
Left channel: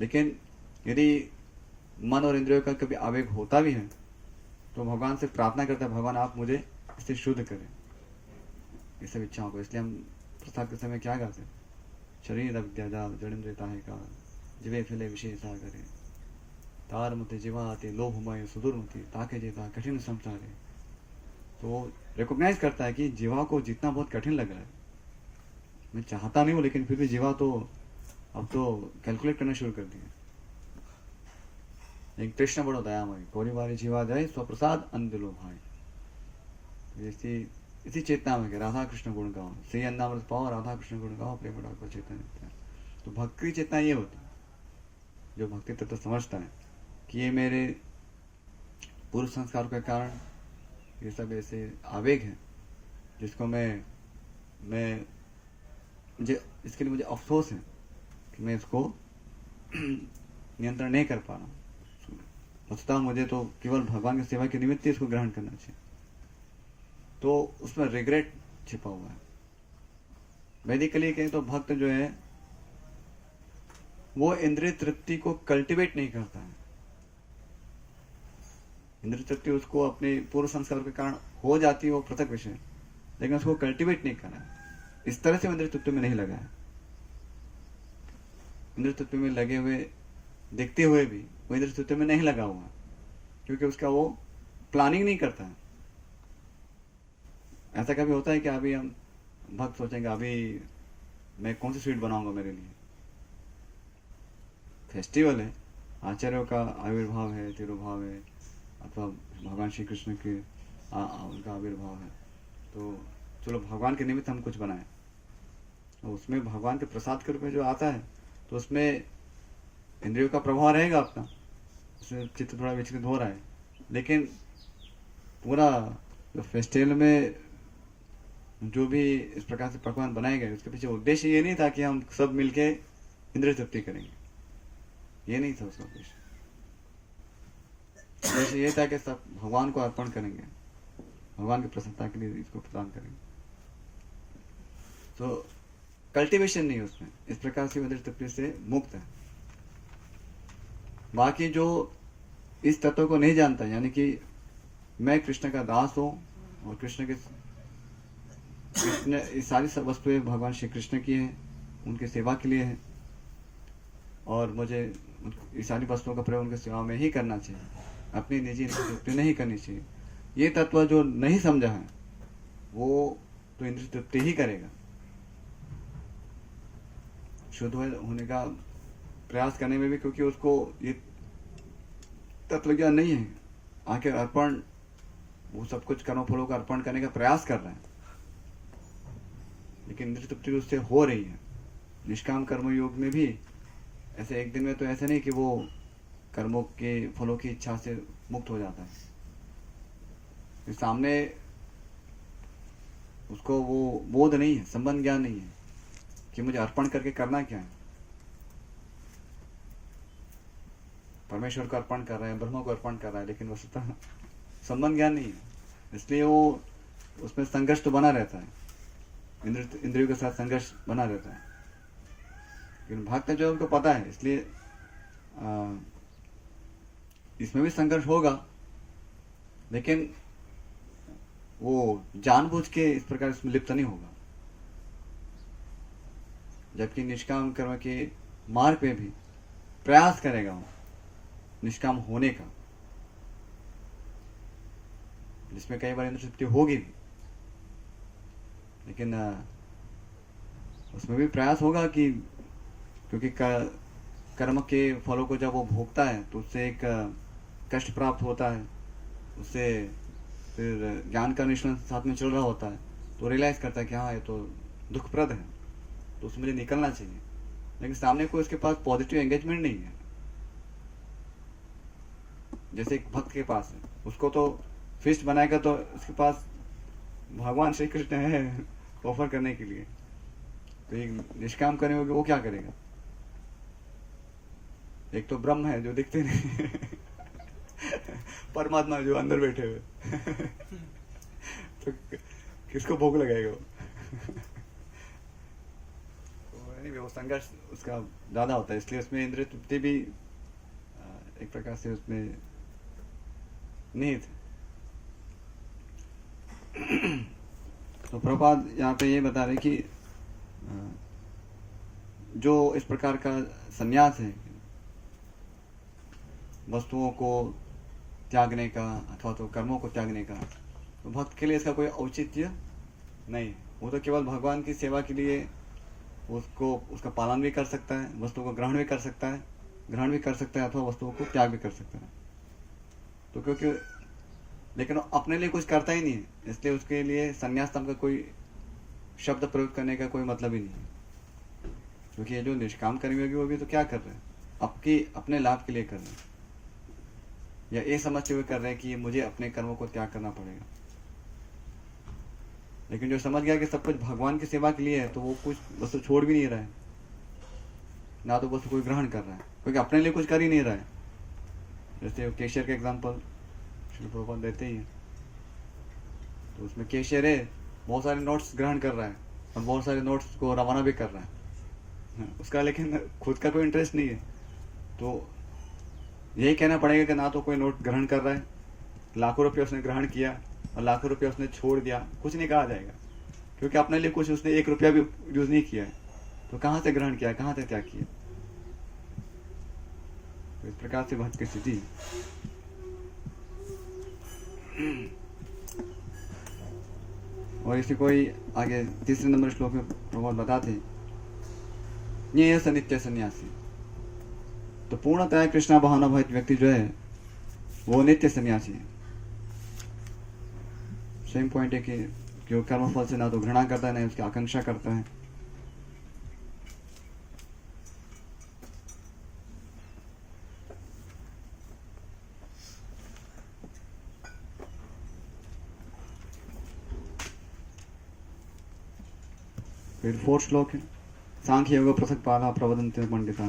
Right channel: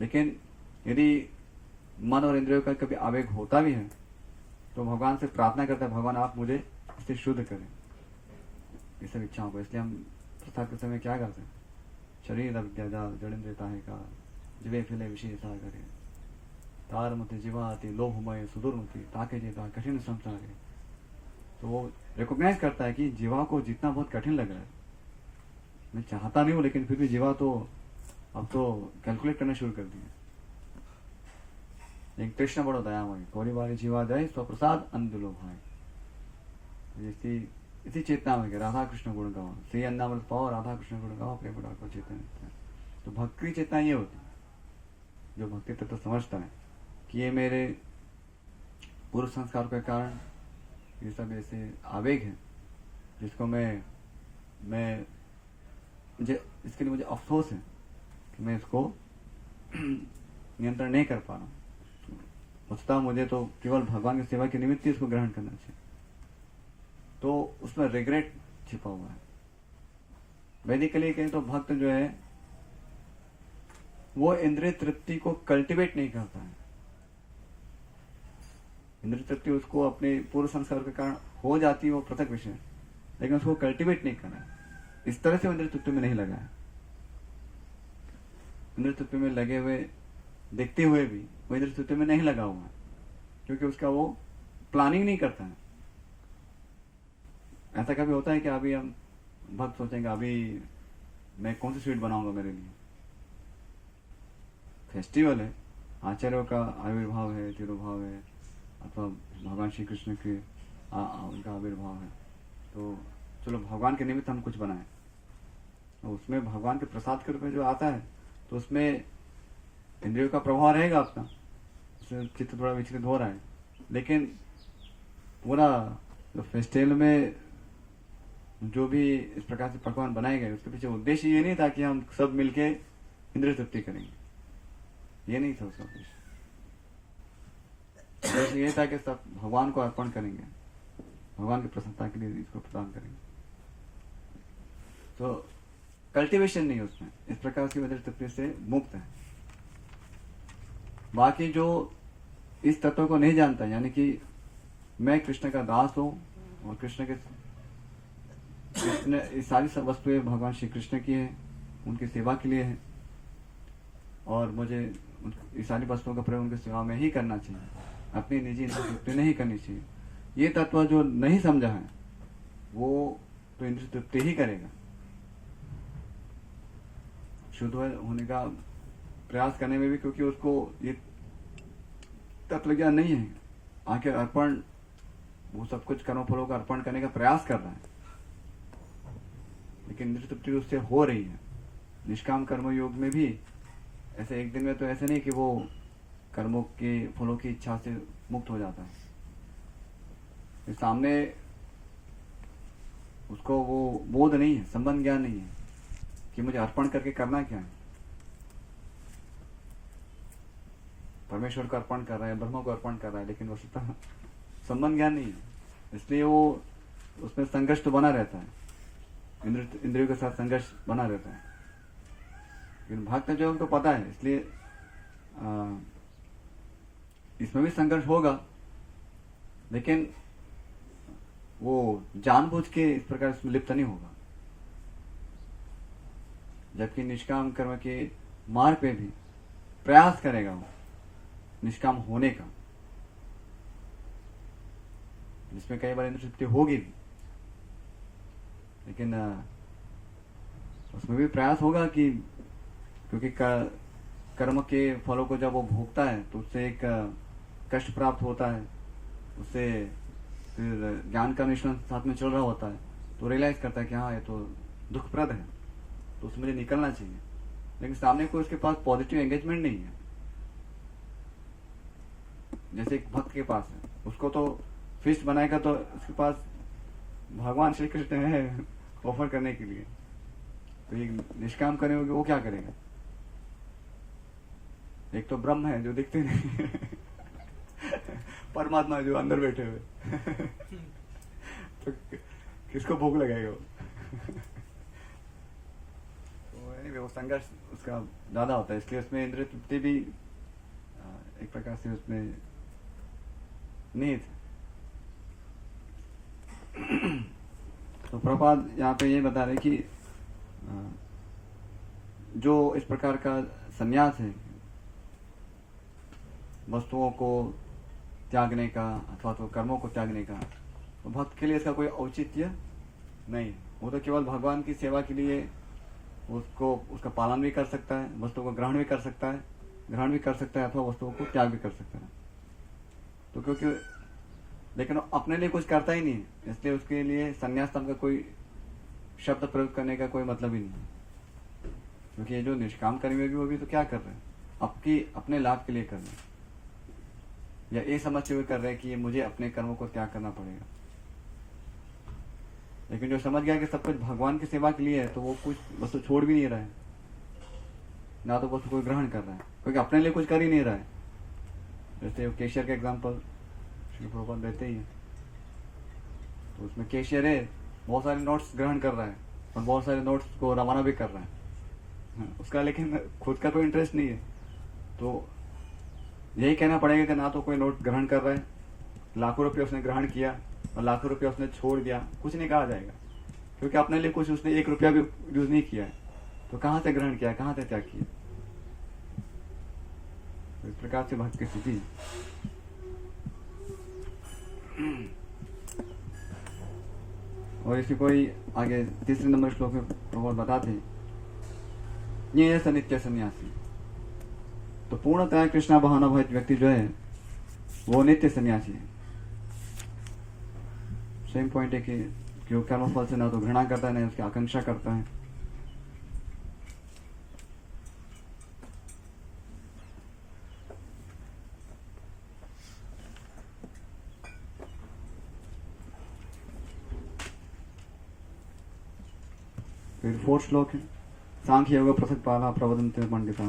लेकिन यदि मन और इंद्रियों का कभी आवेग होता भी है तो भगवान से प्रार्थना करता है, भगवान आप मुझे इससे शुद्ध करें ये सब इच्छाओं को। इसलिए हम प्रसाद के समय क्या करते हैं, शरीर विद्या जाल जड़िंद्रियता है का जीवे फैले विशेषा करें। तार मते जीवाति लोभमय सुदूरमति ताके जेता कठिन संसारे। तो वो रिकॉग्नाइज करता है कि जीवा को जितना बहुत कठिन लग रहा है, मैं चाहता नहीं हूँ लेकिन फिर भी जीवा तो अब तो कैलकुलेट करना शुरू कर दिया। एक कृष्ण बड़ो दयामय कोरी बारी जीवा जाए स्वप्रसाद अंधलो भाई। इसी चेतना में कि राधा कृष्ण गुण गाओ, श्री अन्नामृत पाओ, राधा कृष्ण गुण गाओ, प्रेम को चेतना। तो भक्ति की चेतना ये होती है, जो भक्ति तत्व समझता है कि ये मेरे पूर्व संस्कार के कारण ये सब ऐसे आवेग हैं जिसको मैं मुझे इसके लिए मुझे अफसोस है कि मैं इसको नियंत्रण नहीं कर पा रहा हूँ। वस्तुतः मुझे तो केवल भगवान की सेवा के निमित्त ही इसको ग्रहण करना चाहिए। तो उसमें रिग्रेट छिपा हुआ है। वैदिकली कहें तो भक्त जो है वो इंद्रिय तृप्ति को कल्टीवेट नहीं करता है। इंद्रिय तृप्ति उसको अपने पूर्व संस्कार के कारण हो जाती है, वो पृथक विषय, लेकिन उसको कल्टीवेट नहीं करना है। इस तरह से वो इंद्रिय तृप्ति में नहीं लगा है। इंद्रिय तृप्ति में लगे हुए देखते हुए भी वो इंद्रिय तृप्ति में नहीं लगा हुआ है, क्योंकि उसका वो प्लानिंग नहीं करता है। ऐसा कभी होता है कि अभी हम भक्त सोचेंगे अभी मैं कौन सी स्वीट बनाऊंगा मेरे लिए, फेस्टिवल है, आचार्यों का आविर्भाव है, तिरुभाव है, अथवा भगवान श्री कृष्ण के उनका आविर्भाव है, तो चलो भगवान के निमित्त हम कुछ बनाएं। तो उसमें भगवान के प्रसाद के रूप में जो आता है तो उसमें इंद्रियों का प्रभाव रहेगा अपना, उसमें चित्त थोड़ा विचलित हो रहा है, लेकिन पूरा जो फेस्टिवल में जो भी इस प्रकार से पकवान बनाए गए उसके पीछे उद्देश्य ये नहीं था कि हम सब मिलके इंद्रिय तृप्ति करेंगे, ये नहीं था उसका उद्देश्य। उद्देश्य ये था कि सब भगवान को अर्पण करेंगे, भगवान की प्रसन्नता के लिए इसको प्रदान करेंगे। तो कल्टीवेशन नहीं उसमें, इस प्रकार से इंद्रिय तृप्ति से मुक्त है। बाकी जो इस तत्व को नहीं जानता, यानी कि मैं कृष्ण का दास हूं और कृष्ण ये सारी सब वस्तुएं भगवान श्री कृष्ण की है, उनकी सेवा के लिए है, और मुझे ये सारी वस्तुओं का प्रयोग उनकी सेवा में ही करना चाहिए, अपनी निजी तृप्ति नहीं करनी चाहिए। ये तत्व जो नहीं समझा है वो तो इंद्रिय तृप्ति ही करेगा। शुद्ध होने का प्रयास करने में भी, क्योंकि उसको ये तत्व ज्ञान नहीं है, आखिर अर्पण वो सब कुछ कर्म फलों का अर्पण करने का प्रयास कर रहा है, लेकिन इंद्रिय तृप्ति उससे हो रही है। निष्काम कर्म योग में भी ऐसे एक दिन में तो ऐसे नहीं कि वो कर्मों के फलों की इच्छा से मुक्त हो जाता है। इस सामने उसको वो बोध नहीं है, संबंध ज्ञान नहीं है कि मुझे अर्पण करके करना क्या है। परमेश्वर को अर्पण कर रहा है, ब्रह्म को अर्पण कर रहा है, लेकिन वस्तुतः संबंध ज्ञान नहीं है, इसलिए वो उसमें संघर्ष तो बना रहता है, इंद्रियों के साथ संघर्ष बना रहता है। लेकिन भक्त जो उनको पता है, इसलिए इसमें भी संघर्ष होगा, लेकिन वो जानबूझ के इस प्रकार इसमें लिप्त नहीं होगा। जबकि निष्काम कर्म के मार्ग पे भी प्रयास करेगा वो निष्काम होने का, जिसमें कई बार इंद्रिय तृप्ति होगी भी, लेकिन उसमें भी प्रयास होगा कि क्योंकि कर्म के फलों को जब वो भोगता है तो उससे एक कष्ट प्राप्त होता है, उससे फिर ज्ञान का निष्कर्ष साथ में चल रहा होता है, तो रियलाइज करता है कि हाँ ये तो दुखप्रद है, तो उससे मुझे निकलना चाहिए। लेकिन सामने कोई उसके पास पॉजिटिव एंगेजमेंट नहीं है, जैसे एक भक्त के पास है, उसको तो फिस्ट बनाएगा तो उसके पास भगवान श्री कृष्ण है ऑफर करने के लिए, तो एक निष्काम करने होगी वो क्या करेगा? एक तो ब्रह्म है जो दिखते नहीं परमात्मा जो अंदर बैठे हुए तो किसको भूख लगाएगा वो? तो anyway, वो संघर्ष उसका ज्यादा होता है, इसलिए उसमें इंद्रिय तृप्ति भी एक प्रकार से उसमें निहित है। तो प्रभुपाद यहाँ पे ये बता रहे कि जो इस प्रकार का संन्यास है वस्तुओं को त्यागने का अथवा तो कर्मों को त्यागने का, तो भक्त के लिए इसका कोई औचित्य नहीं है। वो तो केवल भगवान की सेवा के लिए उसका पालन भी कर सकता है, वस्तुओं को ग्रहण भी कर सकता है अथवा वस्तुओं को त्याग भी कर सकता है। तो क्योंकि लेकिन वो अपने लिए कुछ करता ही नहीं है, इसलिए उसके लिए संन्यास नाम का कोई शब्द प्रयोग करने का कोई मतलब ही नहीं है। क्योंकि ये जो निष्काम कर्मी होगी वो भी तो क्या कर रहे हैं, अपने लाभ के लिए कर रहे हैं, या ये समझते हुए कर रहे हैं कि मुझे अपने कर्मों को त्याग करना पड़ेगा। लेकिन जो समझ गया कि सब कुछ भगवान की सेवा के लिए है, तो वो कुछ वस्तु छोड़ भी नहीं रहा है, ना तो वस्तु कोई ग्रहण कर रहा है, क्योंकि अपने लिए कुछ कर ही नहीं रहा है। जैसे केशियर का एग्जाम्पल श्री प्रभुपाद देते ही है, तो उसमें केशियर है, बहुत सारे नोट्स ग्रहण कर रहा है और बहुत सारे नोट्स को रवाना भी कर रहा है, उसका लेकिन खुद का कोई इंटरेस्ट नहीं है। तो यही कहना पड़ेगा कि ना तो कोई नोट ग्रहण कर रहा है, लाखों रुपये उसने ग्रहण किया और लाखों रुपये उसने छोड़ दिया, कुछ नहीं कहा जाएगा, क्योंकि अपने लिए कुछ उसने 1 रुपया भी यूज नहीं किया है। तो कहाँ से ग्रहण किया, कहाँ से त्याग किया? तो इस प्रकार से भक्त की स्थिति। और इसी कोई आगे 3 नंबर श्लोक में प्रभुपाद बताते, ये नित्य सन्यासी। तो पूर्णतः कृष्णा भावनाभूत व्यक्ति जो है वो नित्य सन्यासी है। सेम पॉइंट है कि जो कर्मफल से ना तो घृणा करता है ना उसकी आकांक्षा करता है। फिर 4 श्लोक है, सांख्य योग पृथक पाला प्रवदन्ते पंडिता।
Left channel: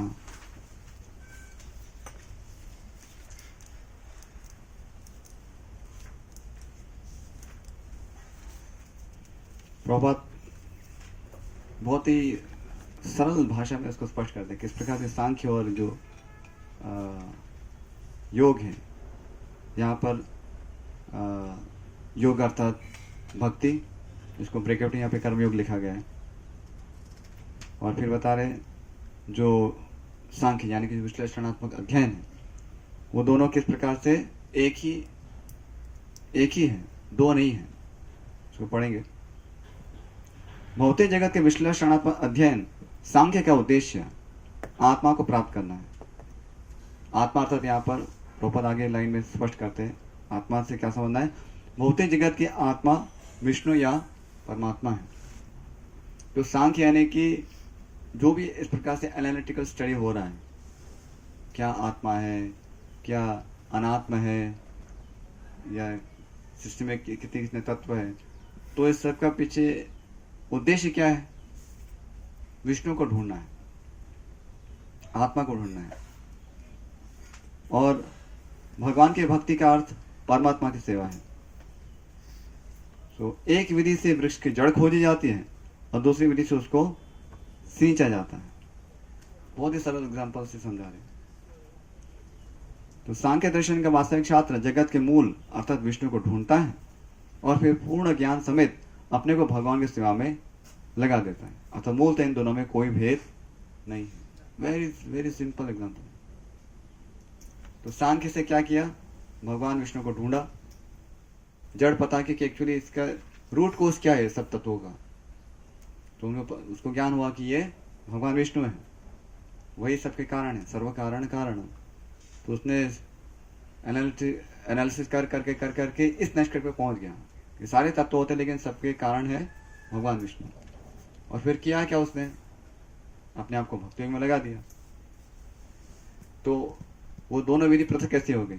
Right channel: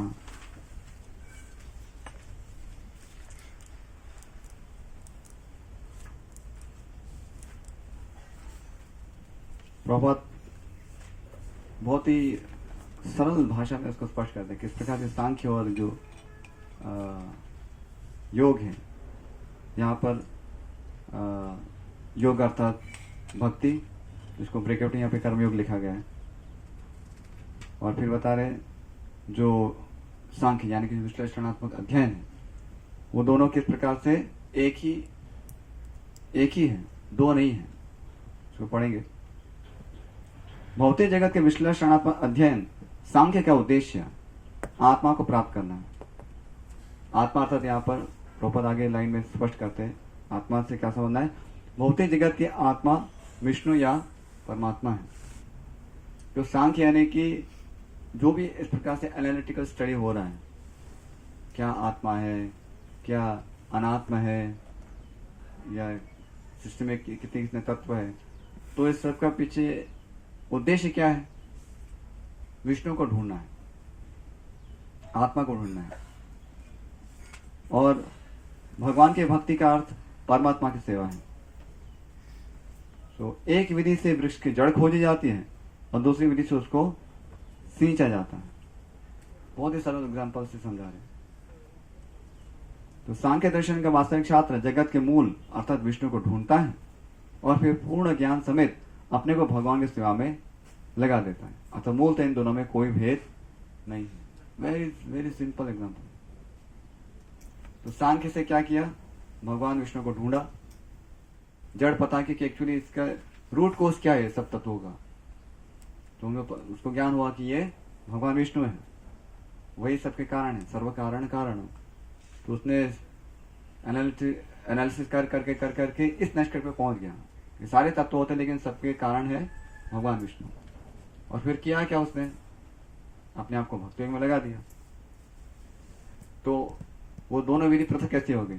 प्रभात बहुत ही सरल भाषा में उसको स्पष्ट करते हैं किस प्रकार से सांख्य और जो योग है, यहाँ पर योग अर्थात भक्ति, इसको ब्रेकआउट यहाँ पे कर्मयोग लिखा गया है। और फिर बता रहे जो सांख्य यानी कि विश्लेषणात्मक अध्ययन है, वो दोनों किस प्रकार से एक ही है, दो नहीं है। इसको पढ़ेंगे। भौतिक जगत के विश्लेषणात्मक अध्ययन सांख्य का उद्देश्य आत्मा को प्राप्त करना है। आत्मा अर्थात यहाँ पर प्रभुपाद आगे लाइन में स्पष्ट करते हैं, आत्मा से क्या समझना है? भौतिक जगत की आत्मा विष्णु या परमात्मा है। तो सांख्य यानी कि जो भी इस प्रकार से एनालिटिकल स्टडी हो रहा है, क्या आत्मा है, क्या अनात्मा है, या सिस्टम में कितने तत्व है, तो इस सब का पीछे उद्देश्य क्या है? विष्णु को ढूंढना है, आत्मा को ढूंढना है। और भगवान के भक्ति का अर्थ परमात्मा की सेवा है। तो एक विधि से वृक्ष की जड़ खोजी जाती है और दूसरी विधि से उसको सींचा जाता है। बहुत ही सरल एग्जाम्पल से समझा रहे। तो सांख्य दर्शन का वास्तविक छात्र जगत के मूल अर्थात विष्णु को ढूंढता है और फिर पूर्ण ज्ञान समेत अपने को भगवान की सेवा में लगा देता है। अतः मूलतः इन दोनों में कोई भेद नहीं है। Very very simple example. तो सांख्य से क्या किया? भगवान विष्णु को ढूंढा, जड़ पता कि एक्चुअली इसका रूट कोर्स क्या है सब तत्वों का। तो उसको ज्ञान हुआ कि ये भगवान विष्णु है, वही सबके कारण है, सर्व कारण कारण। तो उसने एनालिसिस कर करके इस निष्कर्ष पे पहुंच गया कि सारे तत्व होते लेकिन सबके कारण है भगवान विष्णु। और फिर किया क्या? उसने अपने आप को भक्ति में लगा दिया। तो वो दोनों विधि पृथक कैसे हो गई?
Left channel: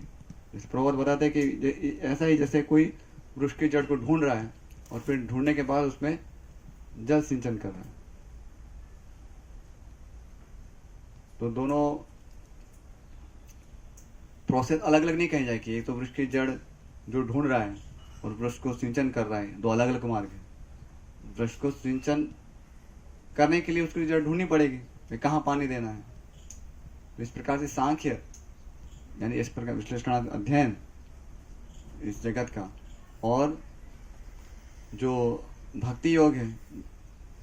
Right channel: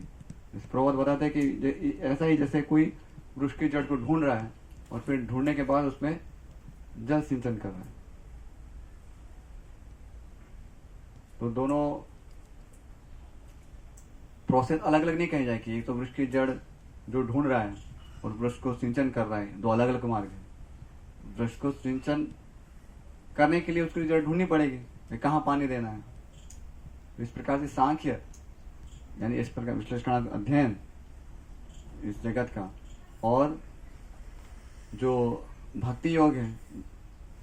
जैसे प्रभुपाद बताते हैं कि ऐसा ही जैसे कोई वृक्ष की जड़ को ढूंढ रहा है और फिर ढूंढने के बाद उसमें जल सिंचन कर रहा है। तो दोनों प्रोसेस अलग अलग नहीं कही जाए कि एक तो वृक्ष की जड़ जो ढूंढ रहा है और वृक्ष को सिंचन कर रहा है, दो अलग अलग मार्ग है। वृक्ष को सिंचन करने के लिए उसकी जड़ ढूंढनी पड़ेगी, कहाँ पानी देना है। इस प्रकार से सांख्य यानी इस प्रकार विश्लेषण अध्ययन इस जगत का और जो भक्ति योग है,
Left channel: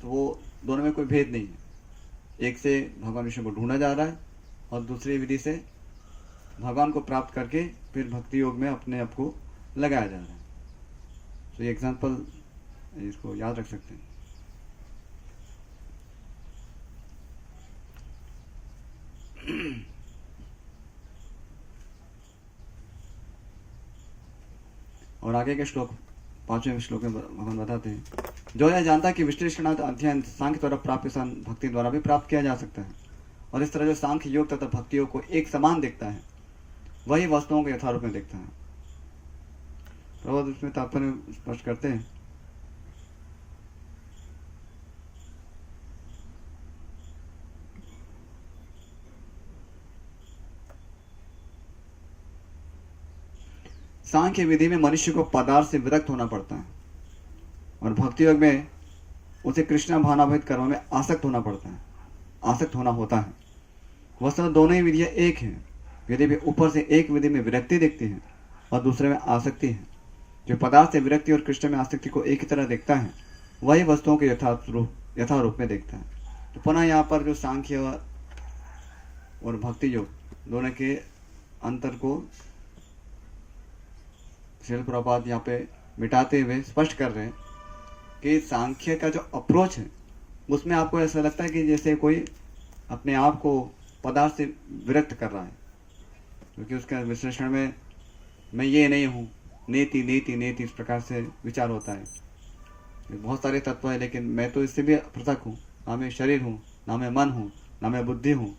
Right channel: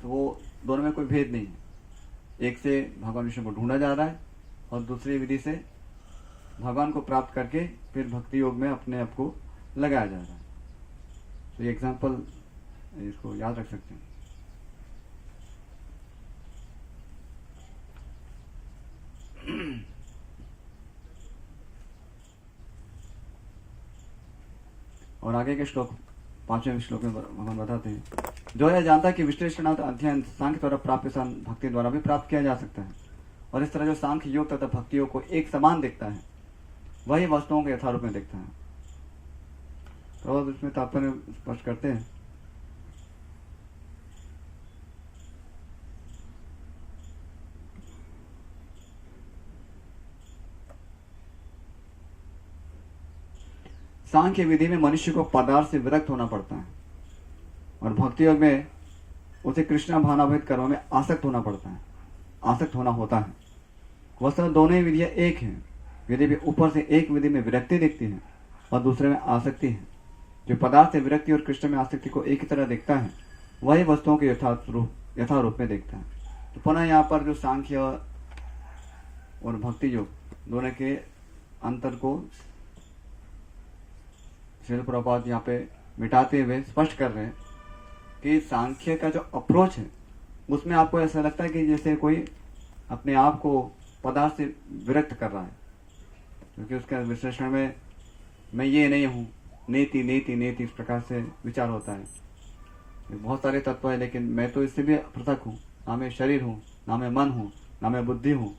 तो वो दोनों में कोई भेद नहीं है। एक से भगवान विष्णु को ढूंढा जा रहा है और दूसरी विधि से भगवान को प्राप्त करके फिर भक्ति योग में अपने आप को लगाया जा रहा है। तो ये एग्जाम्पल इसको याद रख सकते हैं। और आगे के श्लोक 5वें श्लोक में भगवान बताते हैं, जो यह जानता है कि विश्लेषणार्थ अध्ययन सांख्य द्वारा प्राप्त भक्ति द्वारा भी प्राप्त किया जा सकता है, और इस तरह जो सांख्य योग तथा भक्ति योग को एक समान देखता है, वही वस्तुओं को यथारूप में देखता है। तो इसमें तात्पर्य स्पष्ट करते हैं, सांख्य विधि में मनुष्य को पदार्थ से विरक्त होना पड़ता है, और भक्ति योग में उसे कृष्ण भावनाभेद कर्म में आसक्त होना पड़ता है, आसक्त होना होता है। वस्तुतः दोनों ही विधियां एक हैं, यदि भी ऊपर से एक विधि में विरक्ति दिखती है और दूसरे में आसक्ति है। जो पदार्थ से विरक्ति और कृष्ण में आसक्ति को एक ही तरह देखता है, वही वस्तुओं के यथारूप में देखता है। तो पुनः यहाँ पर जो सांख्य और भक्ति योग दोनों के अंतर को श्रील प्रभुपाद यहाँ पे मिटाते हुए स्पष्ट कर रहे हैं कि सांख्य का जो अप्रोच है उसमें आपको ऐसा लगता है कि जैसे कोई अपने आप को पदार्थ से विरक्त कर रहा है, क्योंकि उसका विश्लेषण में मैं ये नहीं हूँ, नेति नेति नेति इस प्रकार से विचार होता है। बहुत सारे तत्व है, लेकिन मैं तो इससे भी पृथक हूँ, ना मैं शरीर हूँ, ना मैं मन हूँ, ना मैं बुद्धि हूँ।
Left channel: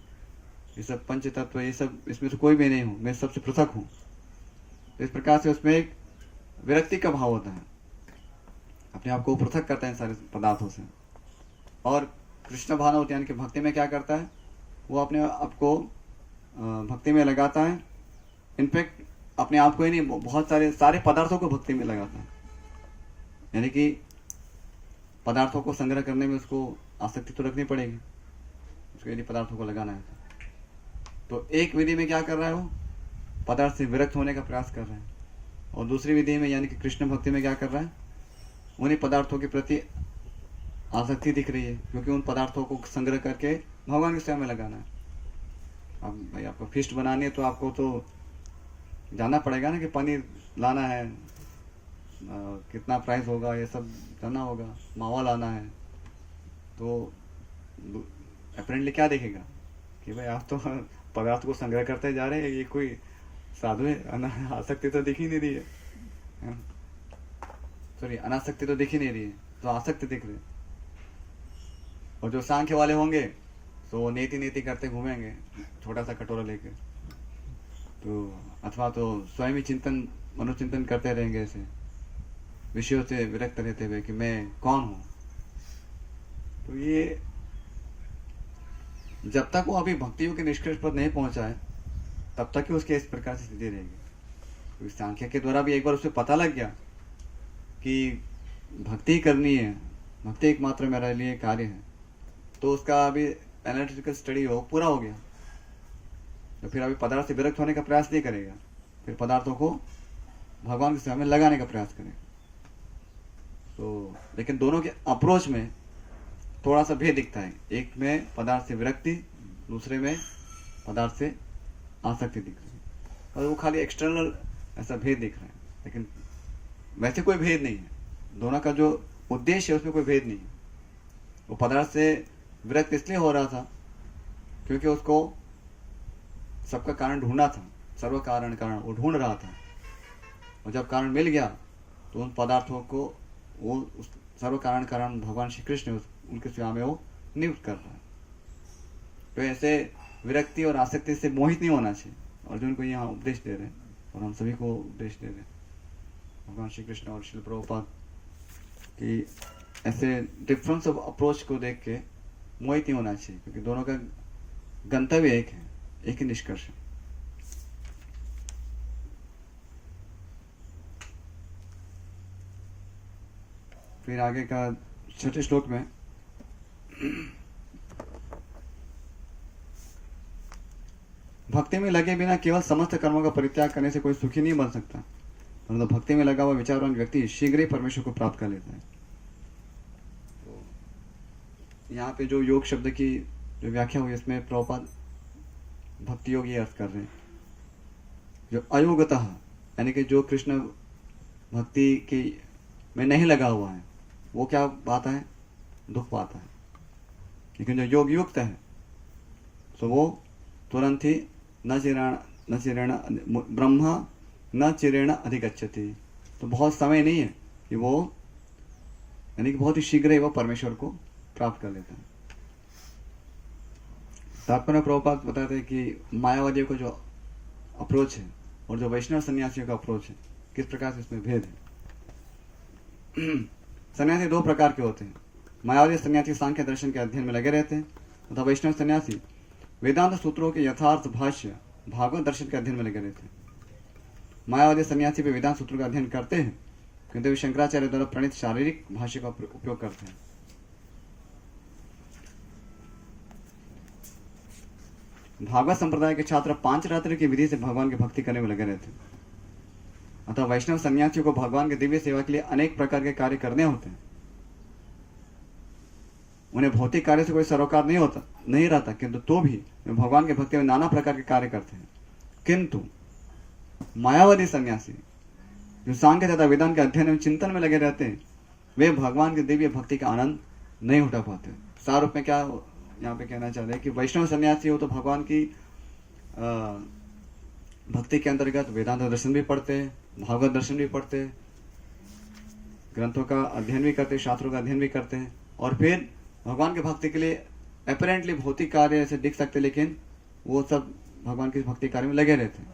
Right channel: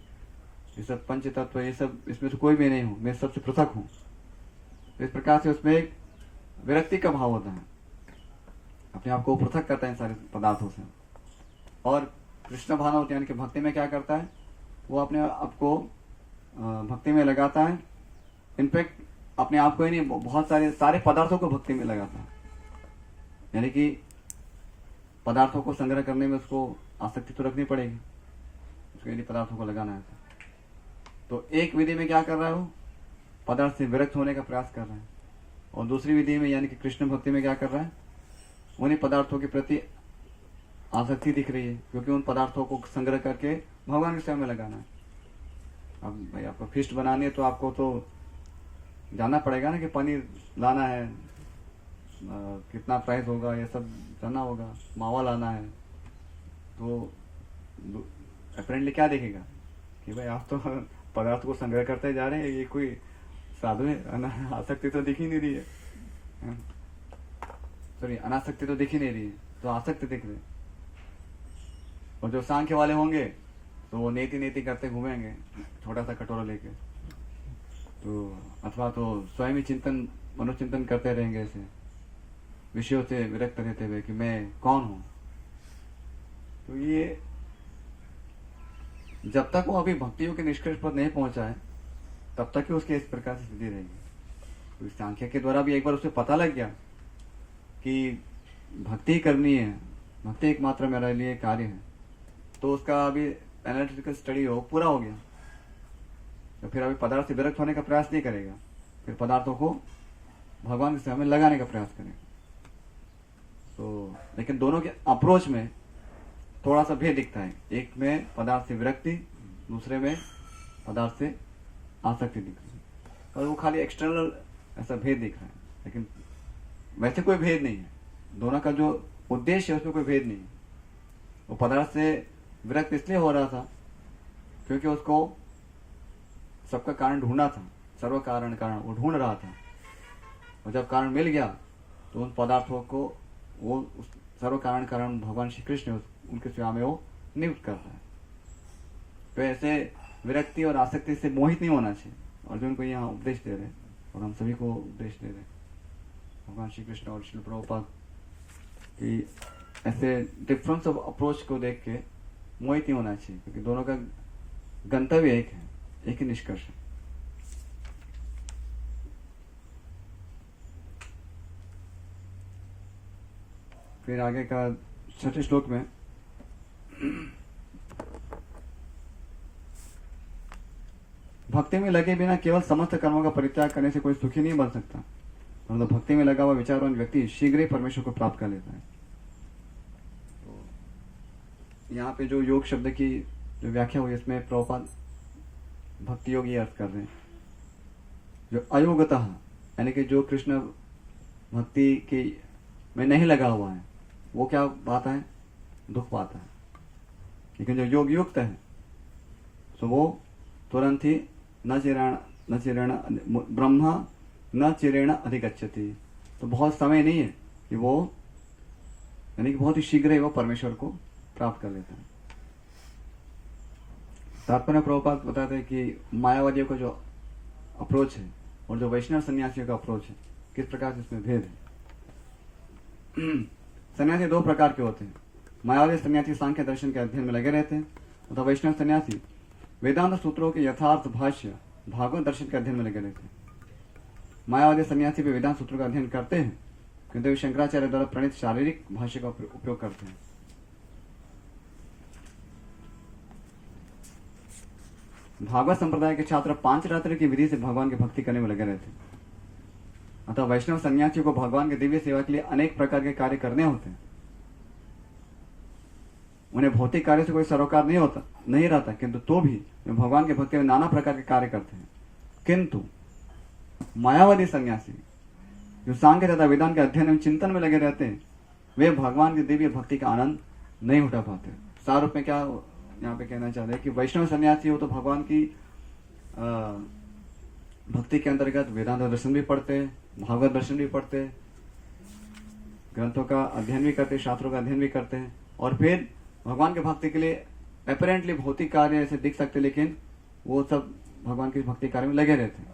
ये सब पंच तत्व, ये सब इसमें से कोई भी नहीं हूँ, मैं सबसे पृथक हूँ। इस प्रकार से उसमें एक विरक्ति का भाव होता है, अपने आप को पृथक करता है इन सारे पदार्थों से। और कृष्ण भावना यानी कि भक्ति में क्या करता है, वो अपने आप को भक्ति में लगाता है। इनफैक्ट अपने आप को ही नहीं, बहुत सारे पदार्थों को भक्ति में लगाता है। यानी कि पदार्थों को संग्रह करने में उसको आसक्ति तो रखनी पड़ेगी, उसको यदि पदार्थों को लगाना है तो एक विधि में क्या कर रहा है, वो पदार्थ से विरक्त होने का प्रयास कर रहा है, और दूसरी विधि में यानी कि कृष्ण भक्ति में क्या कर रहा है, उन्हीं पदार्थों के प्रति आसक्ति दिख रही है, क्योंकि उन पदार्थों को संग्रह करके भगवान की सेवा में लगाना है। अब भाई आपको फिस्ट बनानी है तो आपको तो जानना पड़ेगा ना कि पनीर लाना है, कितना प्राइस होगा, ये सब जानना होगा, मावा लाना है। तो अपेरेंटली क्या देखेगा कि भाई आप तो पदार्थ को संग्रह करते जा रहे हैं, ये कोई साधु है, आसक्ति तो दिख ही नहीं रही है, सॉरी अनासक्ति तो दिख ही नहीं रही है, तो आसक्ति दिख रही है। और जो सांख्य वाले होंगे तो वो नेति नेति करते घूमेंगे छोटा सा कटोरा लेके, तो अथवा तो स्वयं ही मनोचिंतन करते रहेंगे, ऐसे विषयों से विरक्त रहते हुए कि मैं कौन हूँ। तो ये जब तक वो अभी भक्तियों के निष्कर्ष पर नहीं पहुंचा है तब तक ही उसकी इस प्रकार से स्थिति रहेगी। तो सांख्य के द्वारा भी एक बार उसे पता लग गया कि भक्ति करनी है, भक्ति एकमात्र मेरे लिए कार्य है, तो उसका अभी एनालिटिकल स्टडी पूरा हो गया। तो फिर अभी पदार्थ से विरक्त होने का प्रयास नहीं करेगा, फिर पदार्थों को भगवान की सेवा में लगाने का प्रयास करेगा। तो लेकिन दोनों के अप्रोच में थोड़ा सा भेद दिखता है, एक में पदार्थ से विरक्ति, दूसरे में पदार्थ से आसक्ति दिख रही है, और वो खाली एक्सटर्नल ऐसा भेद दिख रहा है, लेकिन वैसे कोई भेद नहीं है। दोनों का जो उद्देश्य है उसमें कोई भेद नहीं है। वो पदार्थ से विरक्त इसलिए हो रहा था क्योंकि उसको सबका कारण ढूंढना था, सर्व कारण वो ढूंढ रहा था, और जब कारण मिल गया तो उन पदार्थों को वो उस सर्व कारण भगवान श्री कृष्ण उनकी सेवा में वो नियुक्त कर रहा है। तो ऐसे विरक्ति और आसक्ति से मोहित नहीं होना चाहिए। अर्जुन को यहाँ उपदेश दे रहे हैं और हम सभी को उपदेश दे रहे हैं भगवान श्री कृष्ण और श्रील प्रभुपाद कि ऐसे डिफरेंस ऑफ अप्रोच को देख के मोहित नहीं होना चाहिए, क्योंकि दोनों का गंतव्य एक है, एक ही निष्कर्ष है। फिर आगे का 6ठे श्लोक में भक्ति में लगे बिना केवल समस्त कर्मों का परित्याग करने से कोई सुखी नहीं बन सकता, परंतु तो भक्ति में लगा हुआ विचारवान व्यक्ति शीघ्र ही परमेश्वर को प्राप्त कर लेता है। तो यहाँ पे जो योग शब्द की जो व्याख्या हुई इसमें प्रभुपाद भक्ति योग ये अर्थ कर रहे हैं जो अयोगतः यानी कि जो कृष्ण भक्ति की में नहीं लगा हुआ है वो क्या पाता है? दुख पाता है। लेकिन जो योग युक्त है तो वो तुरंत ही न चिरेण ब्रह्मा न चिरेण अधिगच्छति, तो बहुत समय नहीं है कि वो यानी कि बहुत ही शीघ्र ही वो परमेश्वर को प्राप्त कर लेते हैं। तात्पर्य प्रभुपाद बताते हैं कि मायावादियों का जो अप्रोच है और जो वैष्णव सन्यासियों का अप्रोच है किस प्रकार से इसमें भेद है। सन्यासी दो प्रकार के होते हैं। मायावादी सन्यासी सांख्य दर्शन के अध्ययन में लगे रहते हैं तथा वैष्णव सन्यासी वेदांत सूत्रों के यथार्थ भाष्य भागवत दर्शन के अध्ययन में लगे रहते हैं। मायावादी सन्यासी भी वेदांत सूत्रों का अध्ययन करते हैं किंतु वे शंकराचार्य द्वारा प्रणीत शारीरिक भाष्य का उपयोग करते हैं। भागवत संप्रदाय के छात्र 5 रात्रि की विधि से भगवान की भक्ति करने में लगे रहते हैं। अतः वैष्णव सन्यासियों को भगवान की दिव्य सेवा के लिए अनेक प्रकार के कार्य करने होते हैं। उन्हें भौतिक कार्य से कोई सरोकार नहीं रहता, किंतु तो भी वे भगवान के भक्ति में नाना प्रकार के कार्य करते हैं। किंतु मायावादी सन्यासी जो सांख्य तथा वेदांत के अध्ययन में चिंतन में लगे रहते हैं वे भगवान की दिव्य भक्ति का आनंद नहीं उठा पाते। सार रूप में क्या यहाँ पे कहना चाहते हैं कि वैष्णव सन्यासी हो तो भगवान की भक्ति के अंतर्गत वेदांत दर्शन भी पढ़ते हैं, भागवत दर्शन भी पढ़ते हैं, ग्रंथों का अध्ययन भी करते हैं, शास्त्रों का अध्ययन भी करते हैं और फिर भगवान की भक्ति के लिए अपेरेंटली भौतिक कार्य ऐसे दिख सकते, लेकिन वो सब भगवान की भक्ति कार्य में लगे रहते हैं।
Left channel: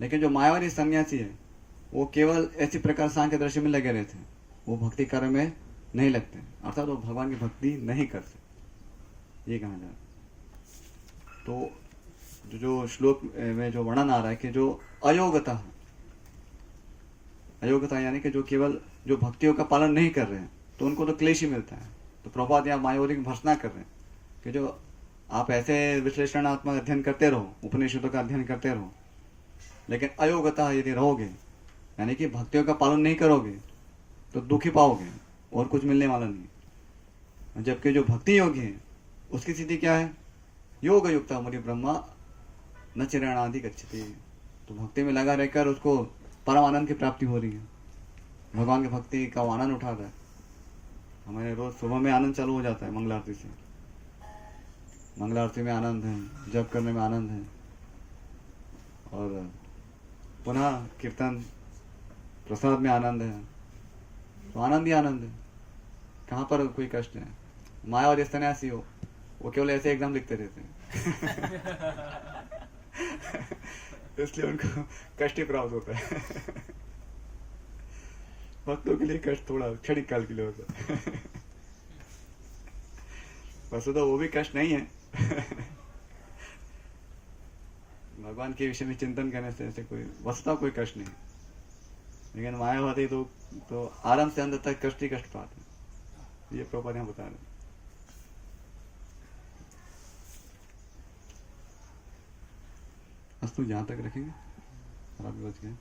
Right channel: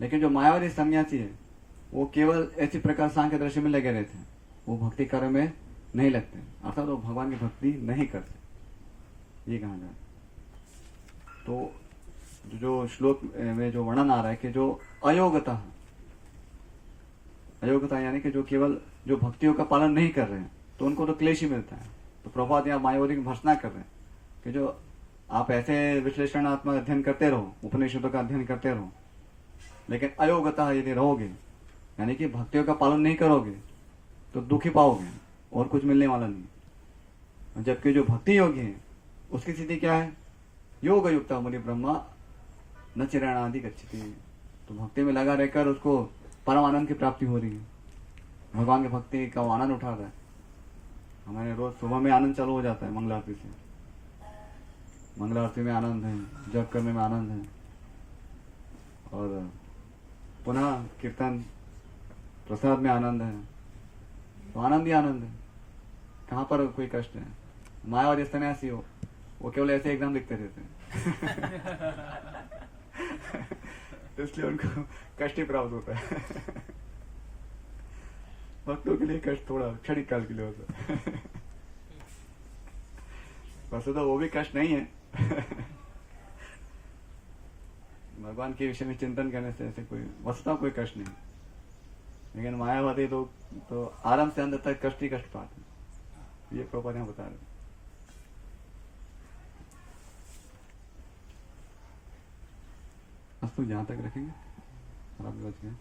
लेकिन जो मायावादी सन्यासी है वो केवल ऐसी प्रकार सांख्य दर्शन में लगे रहते हैं, वो भक्ति कार्य में नहीं लगते, अर्थात वो भगवान की भक्ति नहीं करते, ये कहा जाए। तो जो श्लोक में जो वर्णन आ रहा है कि जो अयोग्यता यानी कि जो केवल जो भक्तियों का पालन नहीं कर रहे हैं तो उनको तो क्लेश ही मिलता है। तो प्रभुपाद यहाँ मायावादी की भर्त्सना कर रहे हैं कि जो आप ऐसे विश्लेषणात्मक अध्ययन करते रहो, उपनिषदों का अध्ययन करते रहो, लेकिन अयोग्यता यदि रहोगे यानी कि भक्तियों का पालन नहीं करोगे तो दुखी पाओगे और कुछ मिलने वाला नहीं। जबकि जो भक्ति योगी है उसकी स्थिति क्या है? योग युक्त मुनि ब्रह्मा न चिराणादि गच्छति, तो भक्ति में लगा रहकर उसको परम आनंद की प्राप्ति हो रही है, भगवान की भक्ति का आनंद उठा रहा है। हमारे रोज सुबह में आनंद चालू हो जाता है मंगल आरती से, मंगल आरती में आनंद है, जप करने में आनंद है और पुनः कीर्तन प्रसाद में आनंद है, तो आनंद ही आनंद है, कहाँ पर कोई कष्ट है। मायावादी सन्यासी हो वो केवल ऐसे एग्जाम लिखते रहते हैं इसलिए उनको कष्ट ही प्राप्त होता है। भक्तों के लिए कष्ट थोड़ा क्षणिक काल के लिए होता है। वैसे तो वो भी कष्ट नहीं है। भगवान के विषय में चिंतन करने से ऐसे कोई वस्तुतः कोई कष्ट नहीं, लेकिन मायावादी तो आरंभ से अंत तक कष्ट ही कष्ट पाते हैं, ये प्रभुपाद यहाँ बता रहे। अस्तु जहाँ तक रखेंगे, रात बज गए,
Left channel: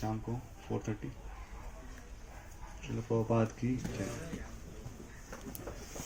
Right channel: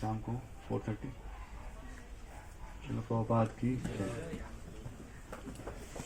शाम को 4:30। श्रील प्रभुपाद की जय।